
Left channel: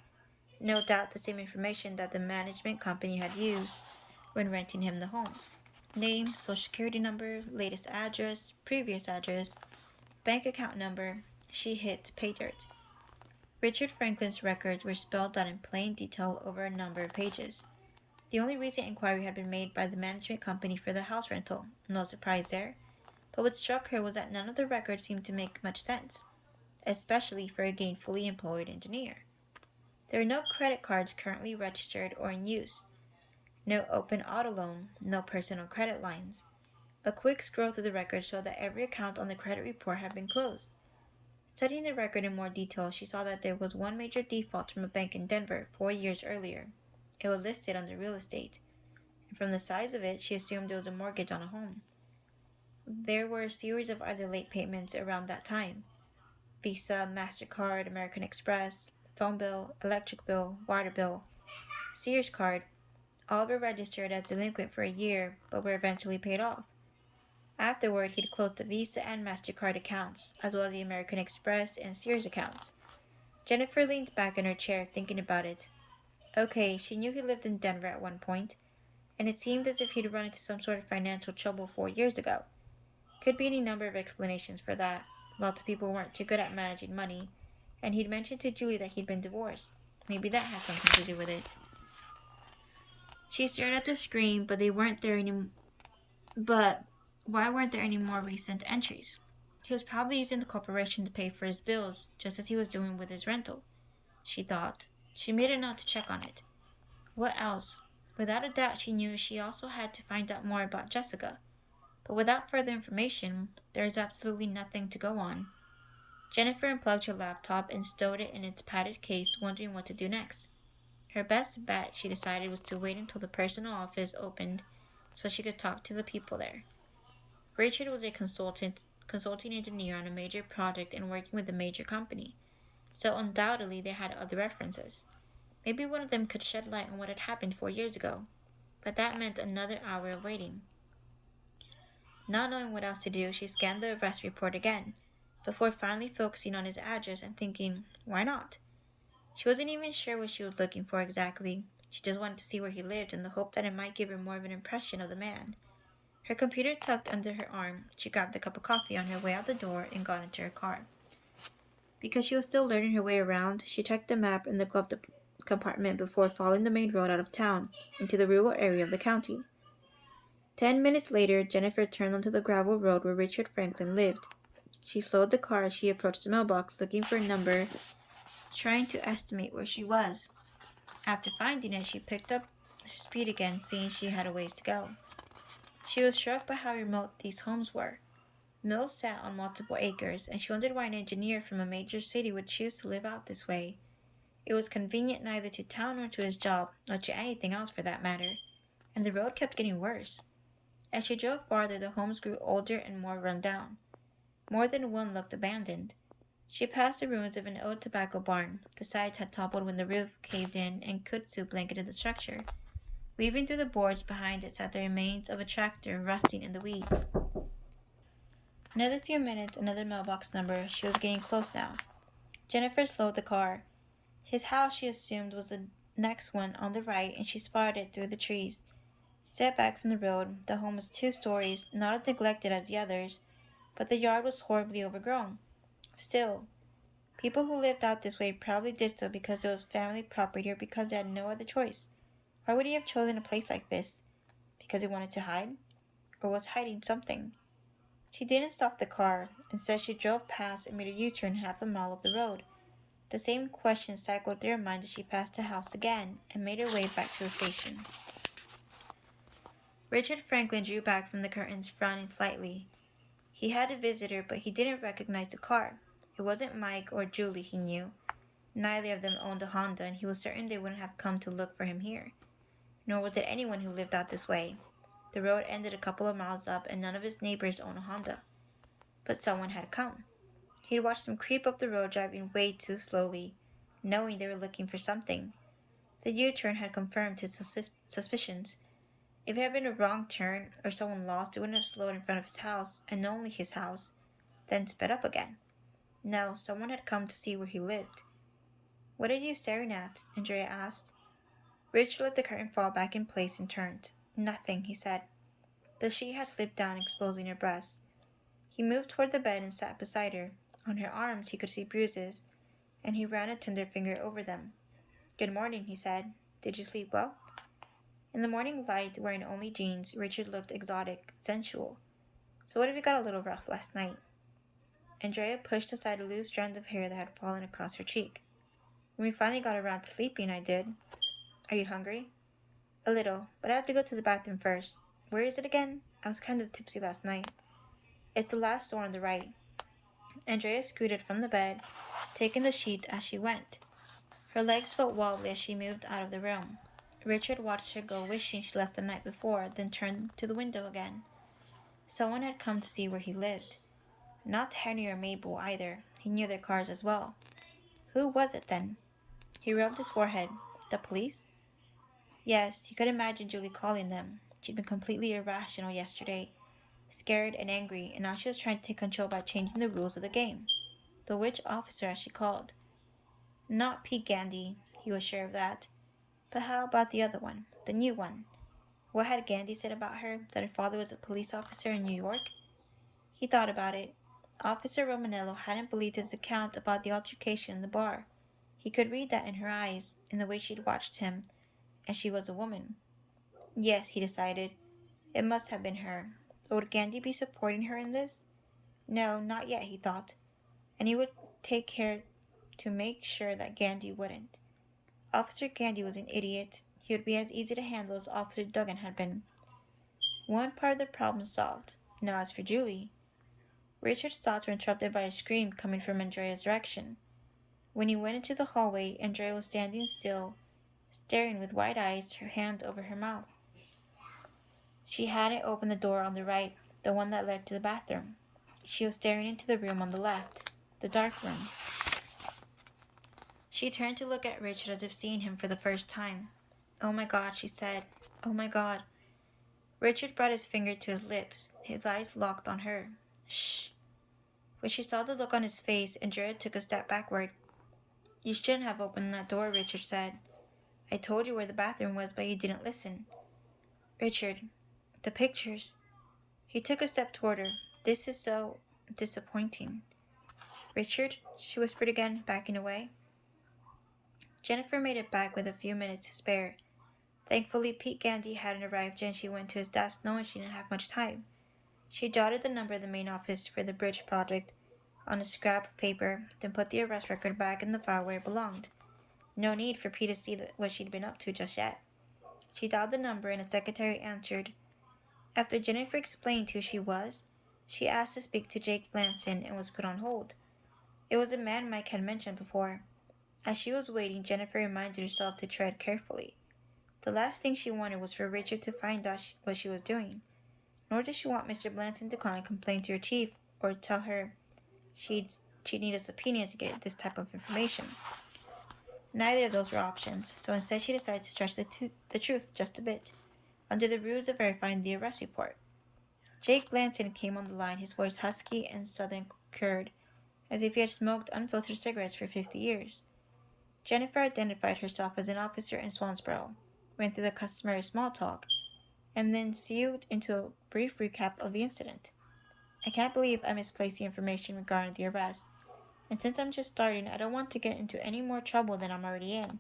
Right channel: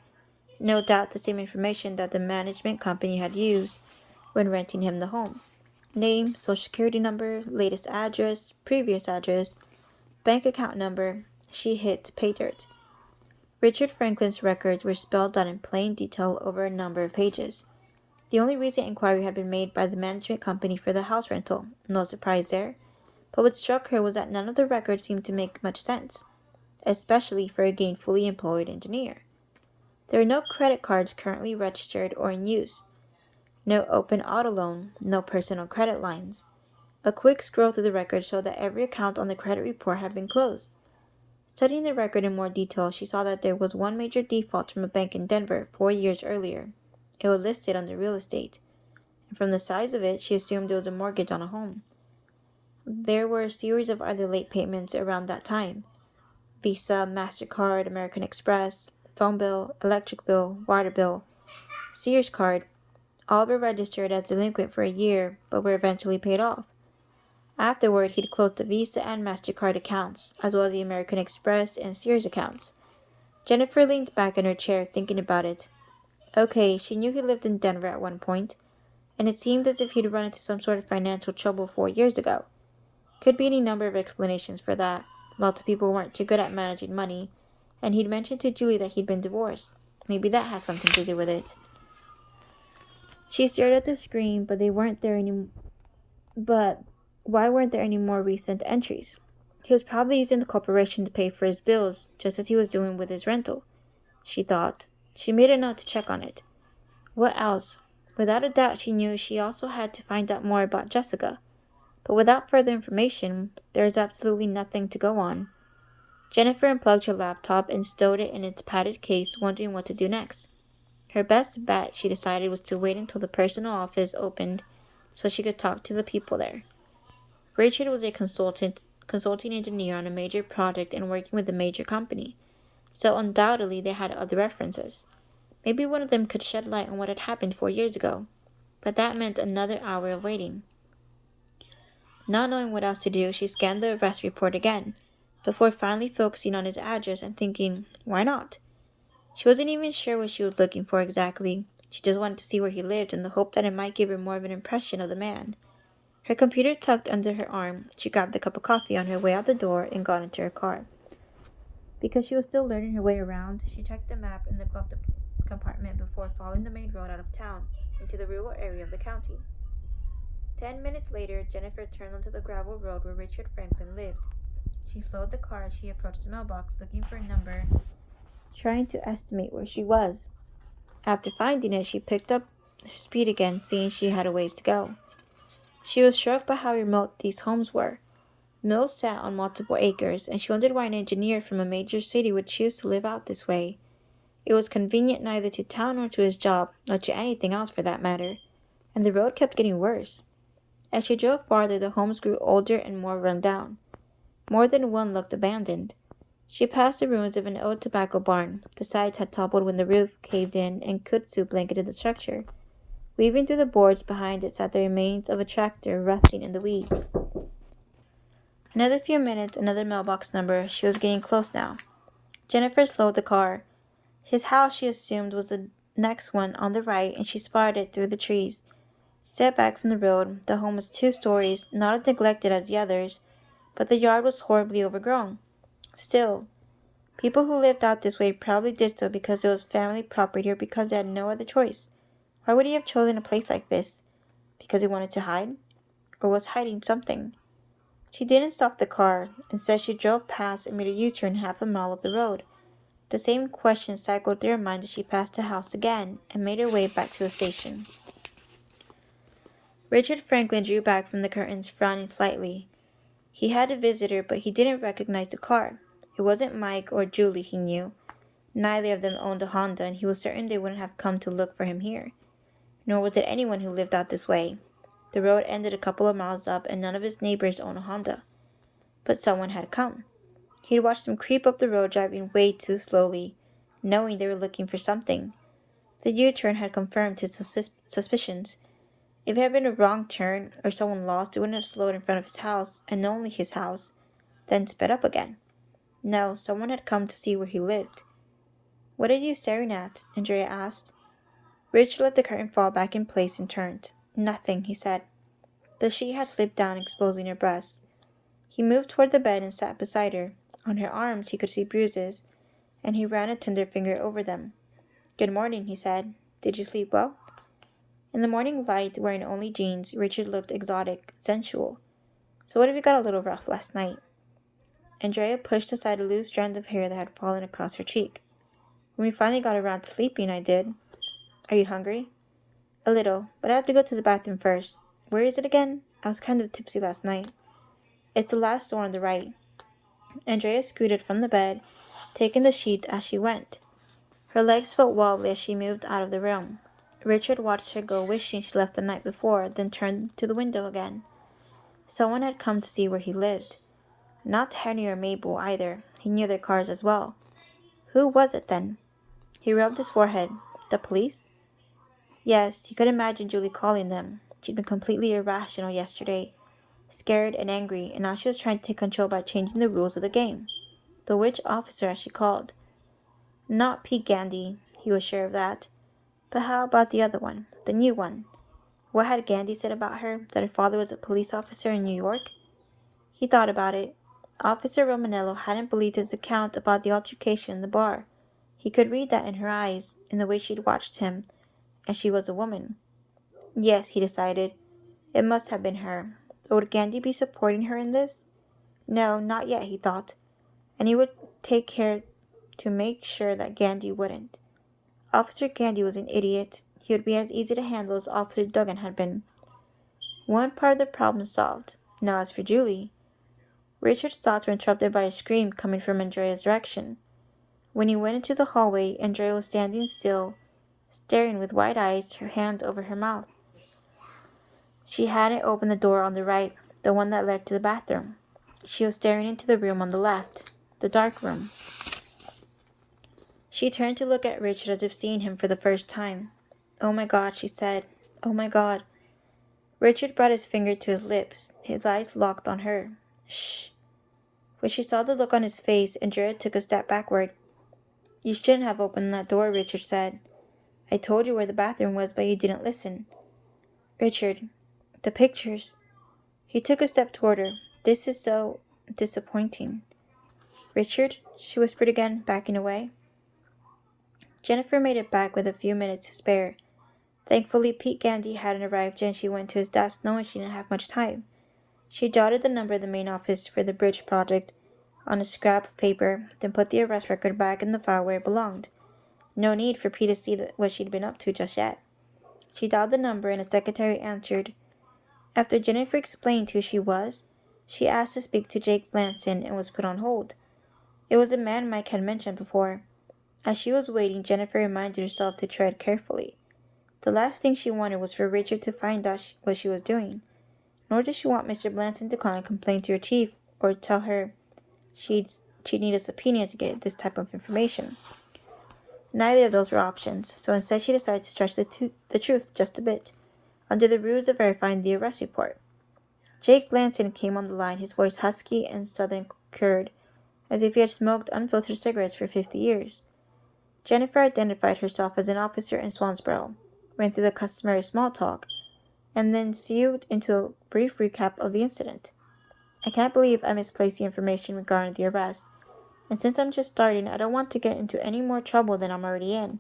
No doubt the same information that the management company had used when renting him the home. Name, social security number, latest address, previous address, bank account number. She hit pay dirt. Richard Franklin's records were spelled out in plain detail over a number of pages. The only recent inquiry had been made by the management company for the house rental. No surprise there. But what struck her was that none of the records seemed to make much sense, especially for a gainfully employed engineer. There were no credit cards currently registered or in use. No open auto loan, no personal credit lines. A quick scroll through the record showed that every account on the credit report had been closed. Studying the record in more detail, she saw that there was one major default from a bank in Denver 4 years earlier. It was listed under real estate, and from the size of it, she assumed it was a mortgage on a home. There were a series of other late payments around that time. Visa, MasterCard, American Express, phone bill, electric bill, water bill, Sears card. All were registered as delinquent for a year, but were eventually paid off. Afterward, he'd closed the Visa and MasterCard accounts, as well as the American Express and Sears accounts. Jennifer leaned back in her chair, thinking about it. Okay, she knew he lived in Denver at one point, and it seemed as if he'd run into some sort of financial trouble 4 years ago. Could be any number of explanations for that. Lots of people weren't too good at managing money, and he'd mentioned to Julie that he'd been divorced. Maybe that has something to do with it. She stared at the screen, but why weren't there any more recent entries? He was probably using the corporation to pay for his bills, just as he was doing with his rental, she thought. She made a note to check on it. What else? Without a doubt, she knew she also had to find out more about Jessica. But without further information, there was absolutely nothing to go on. Jennifer unplugged her laptop and stowed it in its padded case, wondering what to do next. Her best bet, she decided, was to wait until the personal office opened so she could talk to the people there. Richard was a consulting engineer on a major project and working with a major company, so undoubtedly they had other references. Maybe one of them could shed light on what had happened 4 years ago, but that meant another hour of waiting. Not knowing what else to do, she scanned the arrest report again, before finally focusing on his address and thinking, why not? She wasn't even sure what she was looking for exactly. She just wanted to see where he lived in the hope that it might give her more of an impression of the man. Her computer tucked under her arm, she grabbed a cup of coffee on her way out the door and got into her car. Because she was still learning her way around, she checked the map in the glove compartment before following the main road out of town into the rural area of the county. 10 minutes later, Jennifer turned onto the gravel road where Richard Franklin lived. She slowed the car as she approached the mailbox, looking for a number, trying to estimate where she was. After finding it, she picked up her speed again, seeing she had a ways to go. She was struck by how remote these homes were. Mills sat on multiple acres, and she wondered why an engineer from a major city would choose to live out this way. It was convenient neither to town nor to his job, or to anything else for that matter, and the road kept getting worse. As she drove farther, the homes grew older and more run down. More than one looked abandoned. She passed the ruins of an old tobacco barn. The sides had toppled when the roof caved in, and kudzu blanketed the structure. Weaving through the boards behind it sat the remains of a tractor rusting in the weeds. Another few minutes, another mailbox number. She was getting close now. Jennifer slowed the car. His house, she assumed, was the next one on the right, and she spotted it through the trees. Set back from the road, the home was 2 stories, not as neglected as the others, but the yard was horribly overgrown. Still, people who lived out this way probably did so because it was family property or because they had no other choice. Why would he have chosen a place like this? Because he wanted to hide? Or was hiding something? She didn't stop the car. Instead, she drove past and made a U-turn half a mile up the road. The same question cycled through her mind as she passed the house again and made her way back to the station. Richard Franklin drew back from the curtains, frowning slightly. He had a visitor, but he didn't recognize the car. It wasn't Mike or Julie, he knew. Neither of them owned a Honda, and he was certain they wouldn't have come to look for him here. Nor was it anyone who lived out this way. The road ended a couple of miles up, and none of his neighbors owned a Honda. But someone had come. He'd watched them creep up the road, driving way too slowly, knowing they were looking for something. The U-turn had confirmed his suspicions. If it had been a wrong turn or someone lost, it wouldn't have slowed in front of his house, and only his house, then sped up again. No, someone had come to see where he lived. "What are you staring at?" Andrea asked. Richard let the curtain fall back in place and turned. "Nothing," he said. The sheet had slipped down, exposing her breasts. He moved toward the bed and sat beside her. On her arms he could see bruises, and he ran a tender finger over them. "Good morning," he said. "Did you sleep well?" In the morning light, wearing only jeans, Richard looked exotic, sensual. "So what if you got a little rough last night?" Andrea pushed aside a loose strand of hair that had fallen across her cheek. "When we finally got around to sleeping, I did." "Are you hungry?" "A little, but I have to go to the bathroom first. Where is it again? I was kind of tipsy last night." "It's the last door on the right." Andrea scooted from the bed, taking the sheet as she went. Her legs felt wobbly as she moved out of the room. Richard watched her go, wishing she left the night before, then turned to the window again. Someone had come to see where he lived. Not Henry or Mabel either. He knew their cars as well. Who was it then? He rubbed his forehead. The police? Yes, he could imagine Julie calling them. She'd been completely irrational yesterday, scared and angry, and now she was trying to take control by changing the rules of the game. The witch officer, as she called. Not Pete Gandy, he was sure of that. But how about the other one, the new one? What had Gandy said about her, that her father was a police officer in New York? He thought about it. Officer Romanello hadn't believed his account about the altercation in the bar. He could read that in her eyes, in the way she'd watched him, and she was a woman. Yes, he decided. It must have been her. But would Gandy be supporting her in this? No, not yet, he thought. And he would take care to make sure that Gandy wouldn't. Officer Gandy was an idiot. He would be as easy to handle as Officer Duggan had been. One part of the problem solved. Now as for Julie. Richard's thoughts were interrupted by a scream coming from Andrea's direction. When he went into the hallway, Andrea was standing still, staring with wide eyes, her hand over her mouth. She hadn't opened the door on the right, the one that led to the bathroom. She was staring into the room on the left, the dark room. She turned to look at Richard as if seeing him for the first time. "Oh my God," she said. "Oh my God." Richard brought his finger to his lips, his eyes locked on her. "Shh." When she saw the look on his face, Andrea took a step backward. "You shouldn't have opened that door," Richard said. "I told you where the bathroom was, but you didn't listen." "Richard, the pictures." He took a step toward her. "This is so disappointing." "Richard," she whispered again, backing away. Jennifer made it back with a few minutes to spare. Thankfully, Pete Gandy hadn't arrived and she went to his desk knowing she didn't have much time. She jotted the number of the main office for the bridge project on a scrap of paper, then put the arrest record back in the file where it belonged. No need for Pete to see what she'd been up to just yet. She dialed the number and a secretary answered. After Jennifer explained who she was, she asked to speak to Jake Blanson and was put on hold. It was a man Mike had mentioned before. As she was waiting, Jennifer reminded herself to tread carefully. The last thing she wanted was for Richard to find out what she was doing. Nor did she want Mr. Blanson to call and complain to her chief or tell her she'd need a subpoena to get this type of information. Neither of those were options, so instead she decided to stretch the truth just a bit, under the ruse of verifying the arrest report. Jake Blanton came on the line, his voice husky and southern cured, as if he had smoked unfiltered cigarettes for 50 years. Jennifer identified herself as an officer in Swansboro, went through the customary small talk, and then segued into a brief recap of the incident. I can't believe I misplaced the information regarding the arrest, and since I'm just starting, I don't want to get into any more trouble than I'm already in,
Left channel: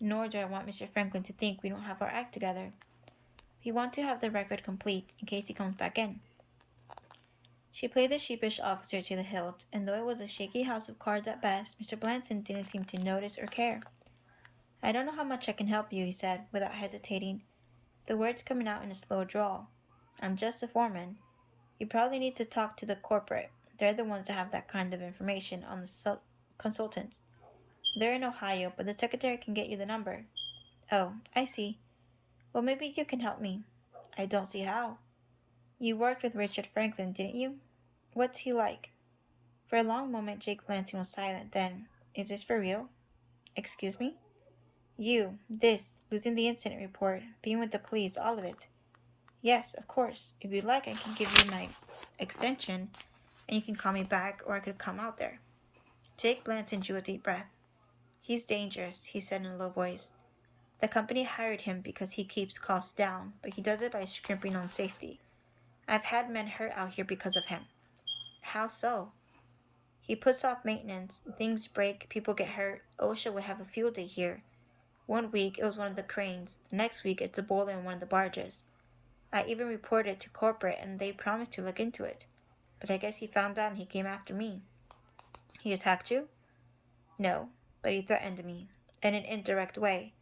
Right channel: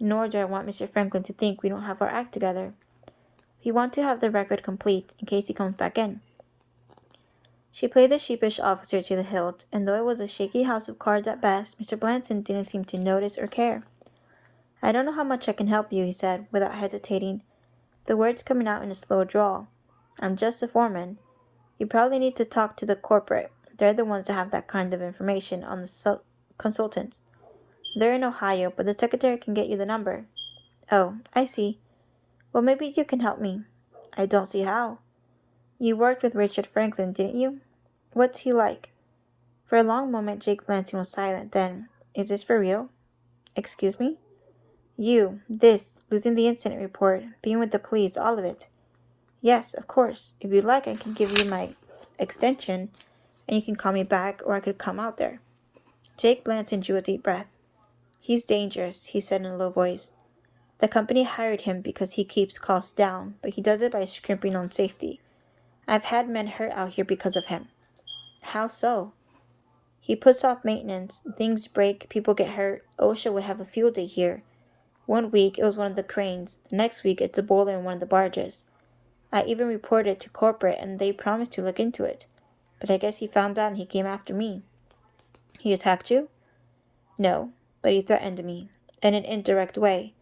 nor do I want Mr. Franklin to think we don't have our act together. We want to have the record complete in case he comes back in. She played the sheepish officer to the hilt, and though it was a shaky house of cards at best, Mr. Blanton didn't seem to notice or care. I don't know how much I can help you, he said, without hesitating, the words coming out in a slow drawl. I'm just a foreman. You probably need to talk to the corporate. They're the ones that have that kind of information on the consultants. They're in Ohio, but the secretary can get you the number. Oh, I see. Well, maybe you can help me. I don't see how. You worked with Richard Franklin, didn't you? What's he like? For a long moment, Jake Blanton was silent. Then, is this for real? Excuse me? Losing the incident report, being with the police, all of it. Yes, of course. If you'd like, I can give you my extension, and you can call me back, or I could come out there. Jake Blanton drew a deep breath. He's dangerous, he said in a low voice. The company hired him because he keeps costs down, but he does it by scrimping on safety. I've had men hurt out here because of him. How so? He puts off maintenance, things break, people get hurt. OSHA would have a field day here. One week it was one of the cranes, the next week it's a boiler in one of the barges. I even reported it to corporate and they promised to look into it. But I guess he found out and he came after me. He attacked you? No, but he threatened me, in an indirect way.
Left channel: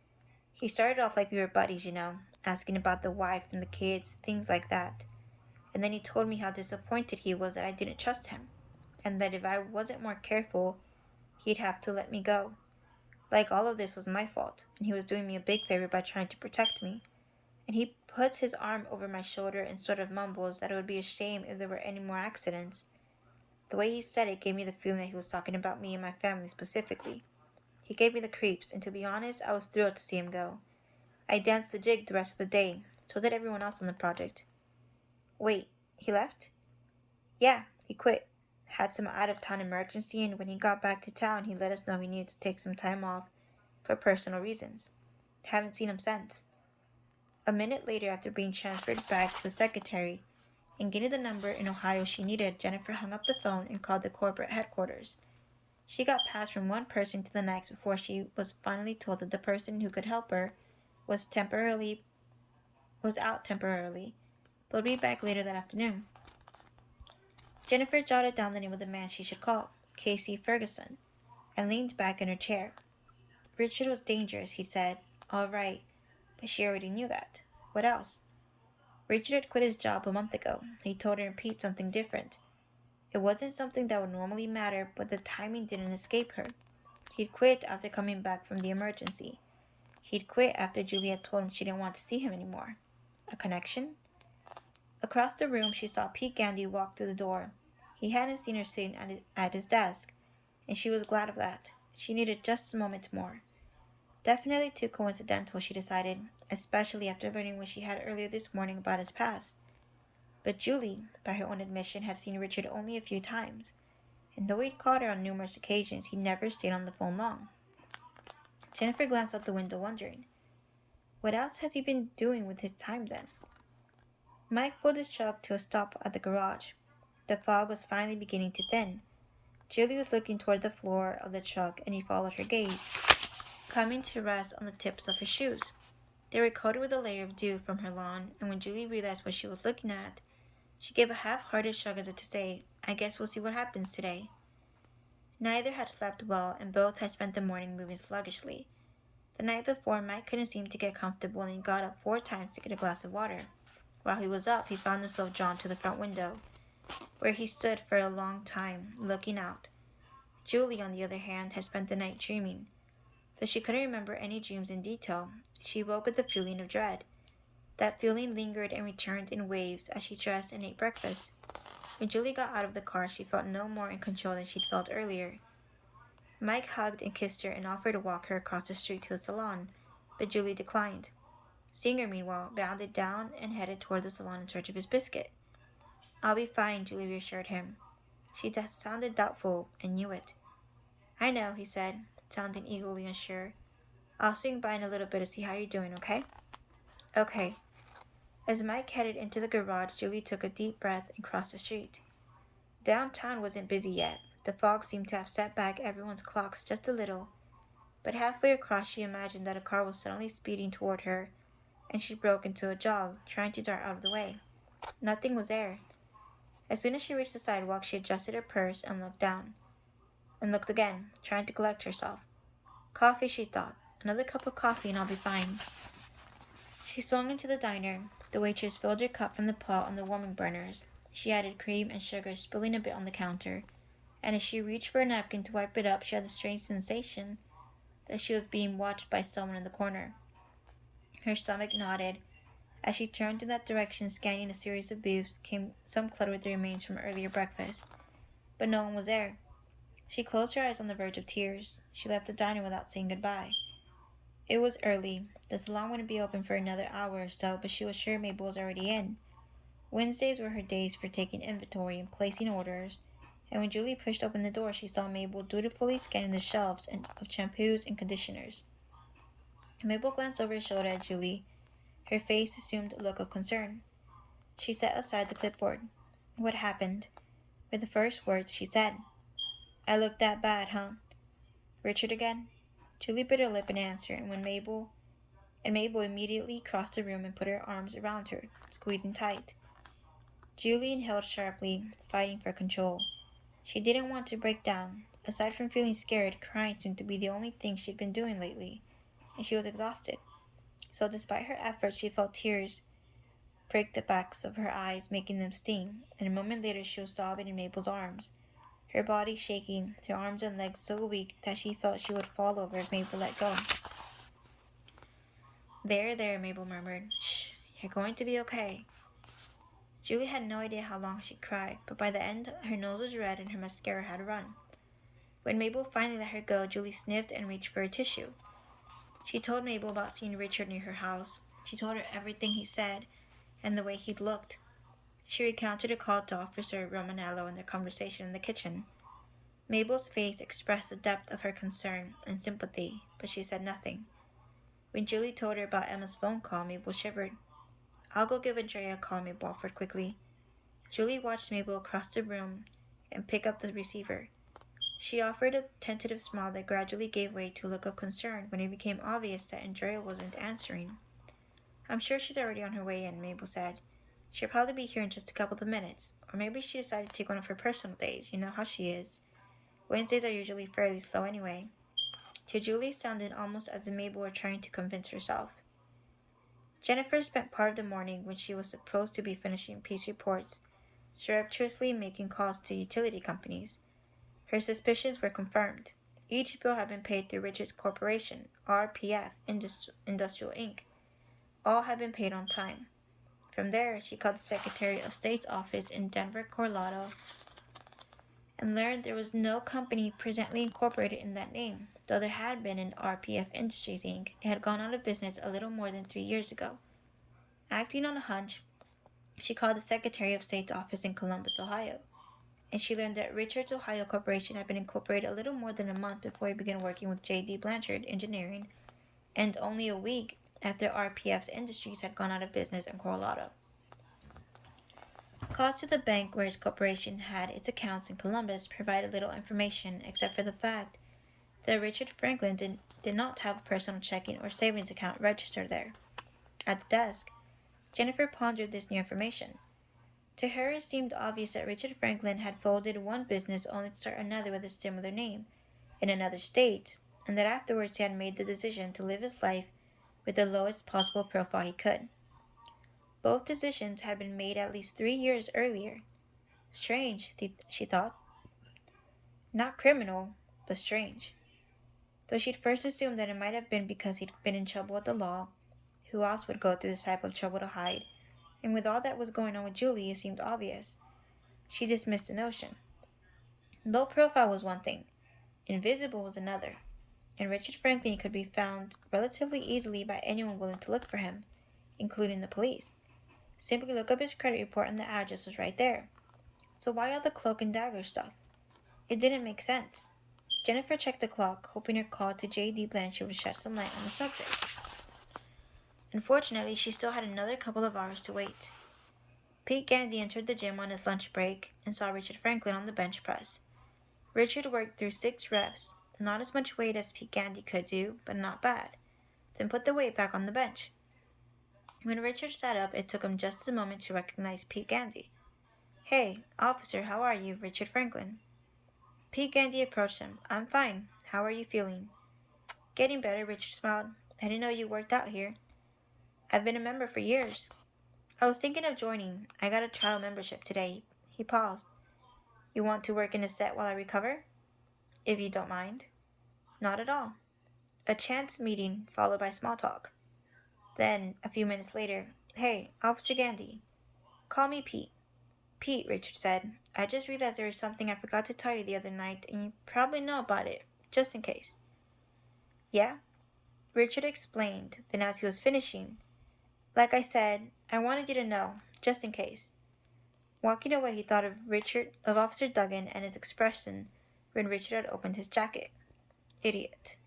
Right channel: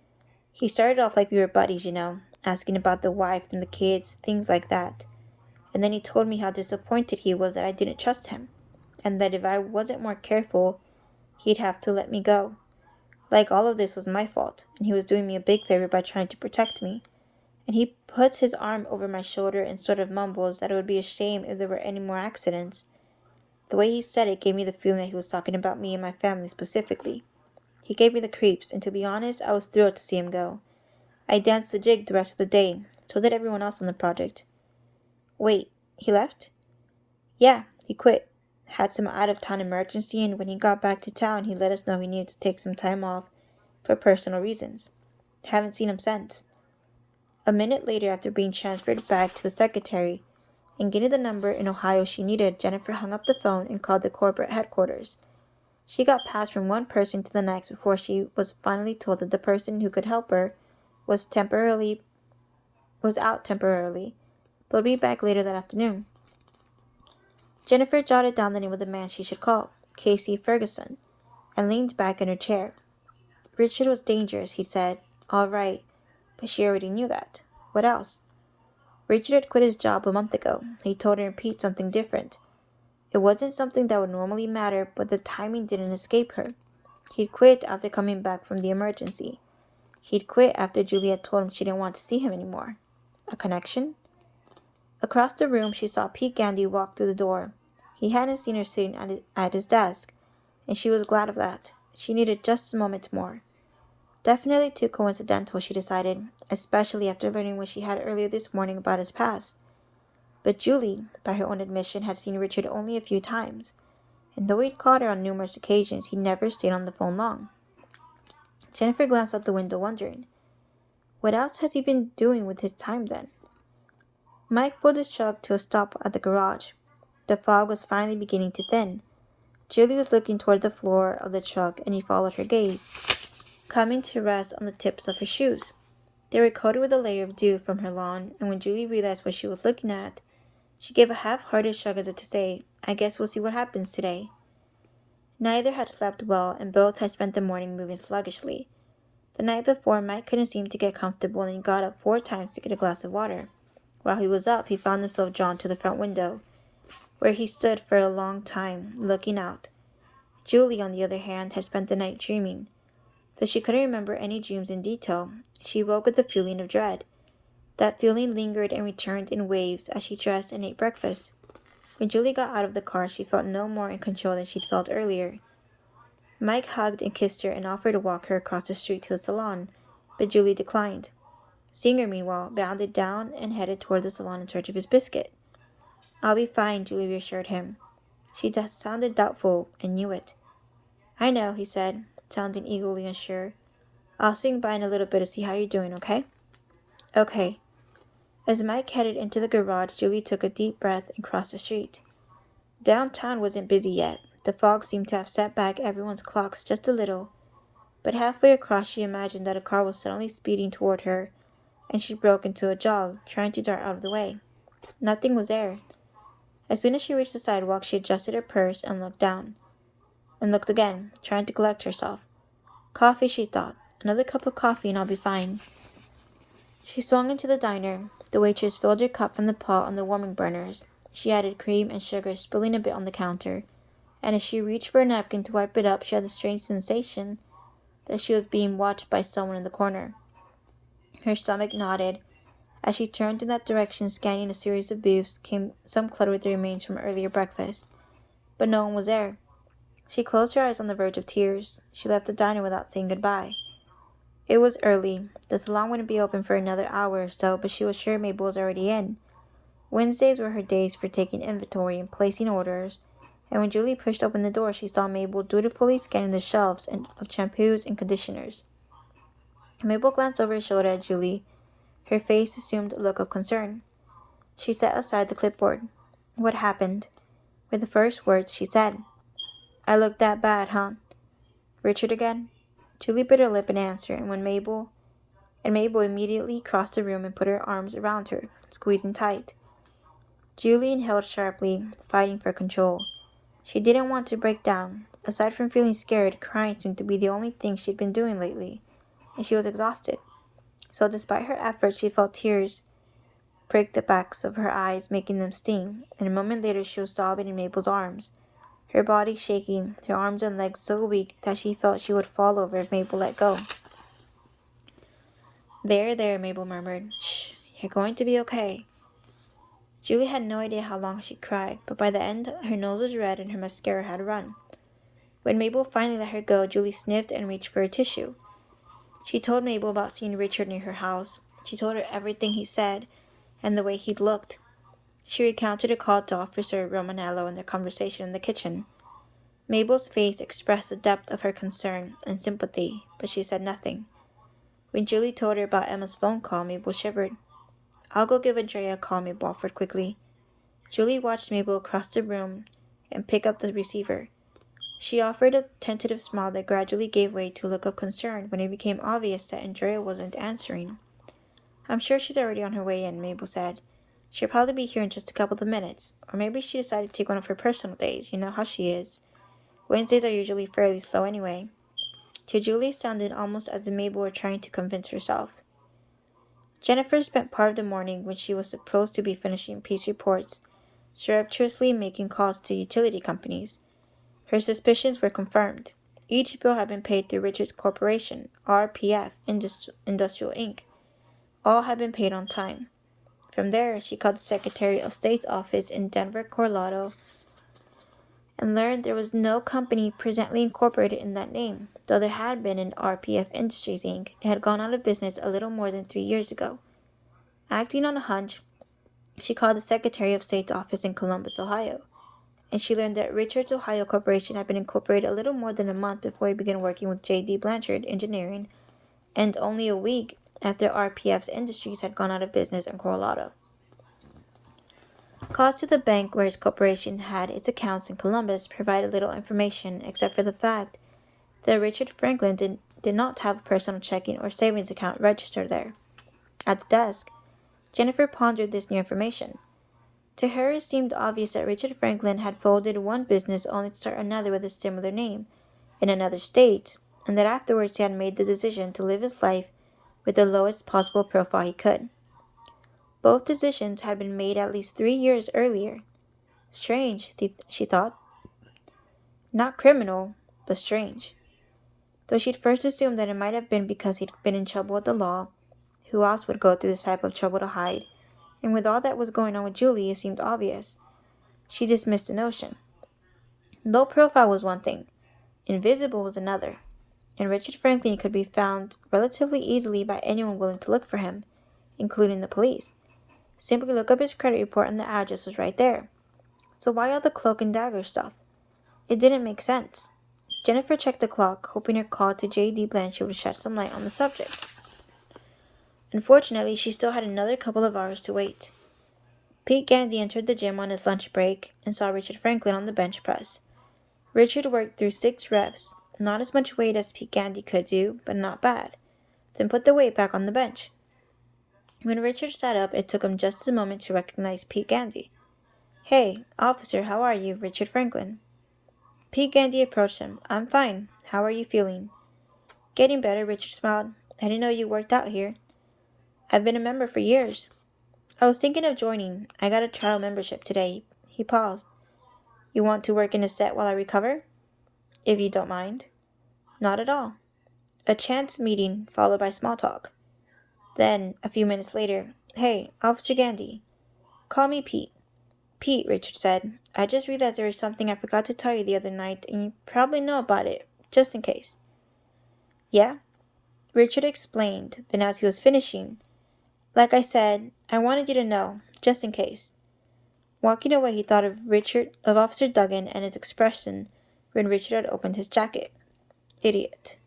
He started off like we were buddies, asking about the wife and the kids, things like that. And then he told me how disappointed he was that I didn't trust him, and that if I wasn't more careful, he'd have to let me go. Like all of this was my fault, and he was doing me a big favor by trying to protect me. And he puts his arm over my shoulder and sort of mumbles that it would be a shame if there were any more accidents. The way he said it gave me the feeling that he was talking about me and my family specifically. He gave me the creeps, and to be honest, I was thrilled to see him go. I danced the jig the rest of the day. So did everyone else on the project. Wait, he left? Yeah, he quit. Had some out-of-town emergency, and when he got back to town, he let us know he needed to take some time off for personal reasons. Haven't seen him since. A minute later, after being transferred back to the secretary and getting the number in Ohio she needed, Jennifer hung up the phone and called the corporate headquarters. She got passed from one person to the next before she was finally told that the person who could help her was out temporarily, but would be back later that afternoon. Jennifer jotted down the name of the man she should call, Casey Ferguson, and leaned back in her chair. Richard was dangerous, he said. All right, but she already knew that. What else? Richard had quit his job a month ago. He told her in Pete something different. It wasn't something that would normally matter, but the timing didn't escape her. He'd quit after coming back from the emergency. He'd quit after Juliet told him she didn't want to see him anymore. A connection? Across the room, she saw Pete Gandy walk through the door. He hadn't seen her sitting at his desk, and she was glad of that. She needed just a moment more. Definitely too coincidental, she decided, especially after learning what she had earlier this morning about his past. But Julie, by her own admission, had seen Richard only a few times, and though he'd caught her on numerous occasions, he never stayed on the phone long. Jennifer glanced out the window, wondering, what else has he been doing with his time then? Mike pulled his truck to a stop at the garage. The fog was finally beginning to thin. Julie was looking toward the floor of the truck, and he followed her gaze, coming to rest on the tips of her shoes. They were coated with a layer of dew from her lawn, and when Julie realized what she was looking at, she gave a half-hearted shrug as if to say, I guess we'll see what happens today. Neither had slept well, and both had spent the morning moving sluggishly. The night before, Mike couldn't seem to get comfortable, and he got up 4 times to get a glass of water. While he was up, he found himself drawn to the front window, where he stood for a long time, looking out. Julie, on the other hand, had spent the night dreaming. Though she couldn't remember any dreams in detail, she woke with a feeling of dread. That feeling lingered and returned in waves as she dressed and ate breakfast. When Julie got out of the car, she felt no more in control than she'd felt earlier. Mike hugged and kissed her and offered to walk her across the street to the salon, but Julie declined. Singer, meanwhile, bounded down and headed toward the salon in search of his biscuit. "I'll be fine," Julie reassured him. She sounded doubtful and knew it. "I know," he said, sounding eagerly unsure. "I'll swing by in a little bit to see how you're doing, okay?" "Okay." As Mike headed into the garage, Julie took a deep breath and crossed the street. Downtown wasn't busy yet. The fog seemed to have set back everyone's clocks just a little, but halfway across she imagined that a car was suddenly speeding toward her, and she broke into a jog, trying to dart out of the way. Nothing was there. As soon as she reached the sidewalk, she adjusted her purse and looked down, and looked again, trying to collect herself. Coffee, she thought. Another cup of coffee and I'll be fine. She swung into the diner. The waitress filled her cup from the pot on the warming burners. She added cream and sugar, spilling a bit on the counter, and as she reached for a napkin to wipe it up, she had the strange sensation that she was being watched by someone in the corner. Her stomach knotted. As she turned in that direction, scanning a series of booths, came some clutter with the remains from earlier breakfast. But no one was there. She closed her eyes on the verge of tears. She left the diner without saying goodbye. It was early. The salon wouldn't be open for another hour or so, but she was sure Mabel was already in. Wednesdays were her days for taking inventory and placing orders, and when Julie pushed open the door, she saw Mabel dutifully scanning the shelves of shampoos and conditioners. Mabel glanced over her shoulder at Julie. Her face assumed a look of concern. She set aside the clipboard. "What happened?" were the first words she said. "I look that bad, huh?" "Richard again?" Julie bit her lip in answer, and Mabel immediately crossed the room and put her arms around her, squeezing tight. Julie inhaled sharply, fighting for control. She didn't want to break down. Aside from feeling scared, crying seemed to be the only thing she'd been doing lately, and she was exhausted. So despite her efforts, she felt tears prick the backs of her eyes, making them sting, and a moment later she was sobbing in Mabel's arms, her body shaking, her arms and legs so weak that she felt she would fall over if Mabel let go. There, Mabel murmured. "Shh, you're going to be okay." Julie had no idea how long she cried, but by the end her nose was red and her mascara had run. When Mabel finally let her go, Julie sniffed and reached for a tissue. She told Mabel about seeing Richard near her house. She told her everything he said and the way he'd looked. She recounted a call to Officer Romanello and their conversation in the kitchen. Mabel's face expressed the depth of her concern and sympathy, but she said nothing. When Julie told her about Emma's phone call, Mabel shivered. "I'll go give Andrea a call," Mabel offered quickly. Julie watched Mabel across the room and pick up the receiver. She offered a tentative smile that gradually gave way to a look of concern when it became obvious that Andrea wasn't answering. "I'm sure she's already on her way in," Mabel said. "She'll probably be here in just a couple of minutes. Or maybe she decided to take one of her personal days. You know how she is. Wednesdays are usually fairly slow anyway." To Julie, it sounded almost as if Mabel were trying to convince herself. Jennifer spent part of the morning when she was supposed to be finishing peace reports, surreptitiously making calls to utility companies. Her suspicions were confirmed. Each bill had been paid through Richards Corporation, RPF Industrial Inc. All had been paid on time. From there, she called the Secretary of State's office in Denver, Colorado, and learned there was no company presently incorporated in that name, though there had been an RPF Industries Inc. It had gone out of business a little more than 3 years ago. Acting on a hunch, she called the Secretary of State's office in Columbus, Ohio, and she learned that Richards Ohio Corporation had been incorporated a little more than a month before he began working with J.D. Blanchard Engineering, and only a week after RPF's Industries had gone out of business in Colorado. Calls to the bank where his corporation had its accounts in Columbus provided little information except for the fact that Richard Franklin did not have a personal checking or savings account registered there. At the desk, Jennifer pondered this new information. To her, it seemed obvious that Richard Franklin had folded one business only to start another with a similar name in another state, and that afterwards he had made the decision to live his life with the lowest possible profile he could. Both decisions had been made at least 3 years earlier. Strange, she thought. Not criminal, but strange. Though she'd first assumed that it might have been because he'd been in trouble with the law. Who else would go through this type of trouble to hide? And with all that was going on with Julie, it seemed obvious. She dismissed the notion. Low profile was one thing. Invisible was another, and Richard Franklin could be found relatively easily by anyone willing to look for him, including the police. Simply look up his credit report and the address was right there. So why all the cloak and dagger stuff? It didn't make sense. Jennifer checked the clock, hoping her call to J.D. Blanchard would shed some light on the subject. Unfortunately, she still had another couple of hours to wait. Pete Gandy entered the gym on his lunch break and saw Richard Franklin on the bench press. Richard worked through 6 reps, not as much weight as Pete Gandy could do, but not bad, then put the weight back on the bench. When Richard sat up, it took him just a moment to recognize Pete Gandy. "Hey, officer, how are you, Richard Franklin?" Pete Gandy approached him. "I'm fine. How are you feeling?" "Getting better," Richard smiled. "I didn't know you worked out here." "I've been a member for years." "I was thinking of joining. I got a trial membership today." He paused. "You want to work in a set while I recover?" "If you don't mind." "Not at all." A chance meeting, followed by small talk. Then, a few minutes later, "Hey, Officer Gandy." "Call me Pete." "Pete," Richard said, "I just realized there was something I forgot to tell you the other night, and you probably know about it, just in case." "Yeah?" Richard explained, then as he was finishing, "Like I said, I wanted you to know, just in case." Walking away, he thought of Officer Duggan and his expression when Richard had opened his jacket. Idiot.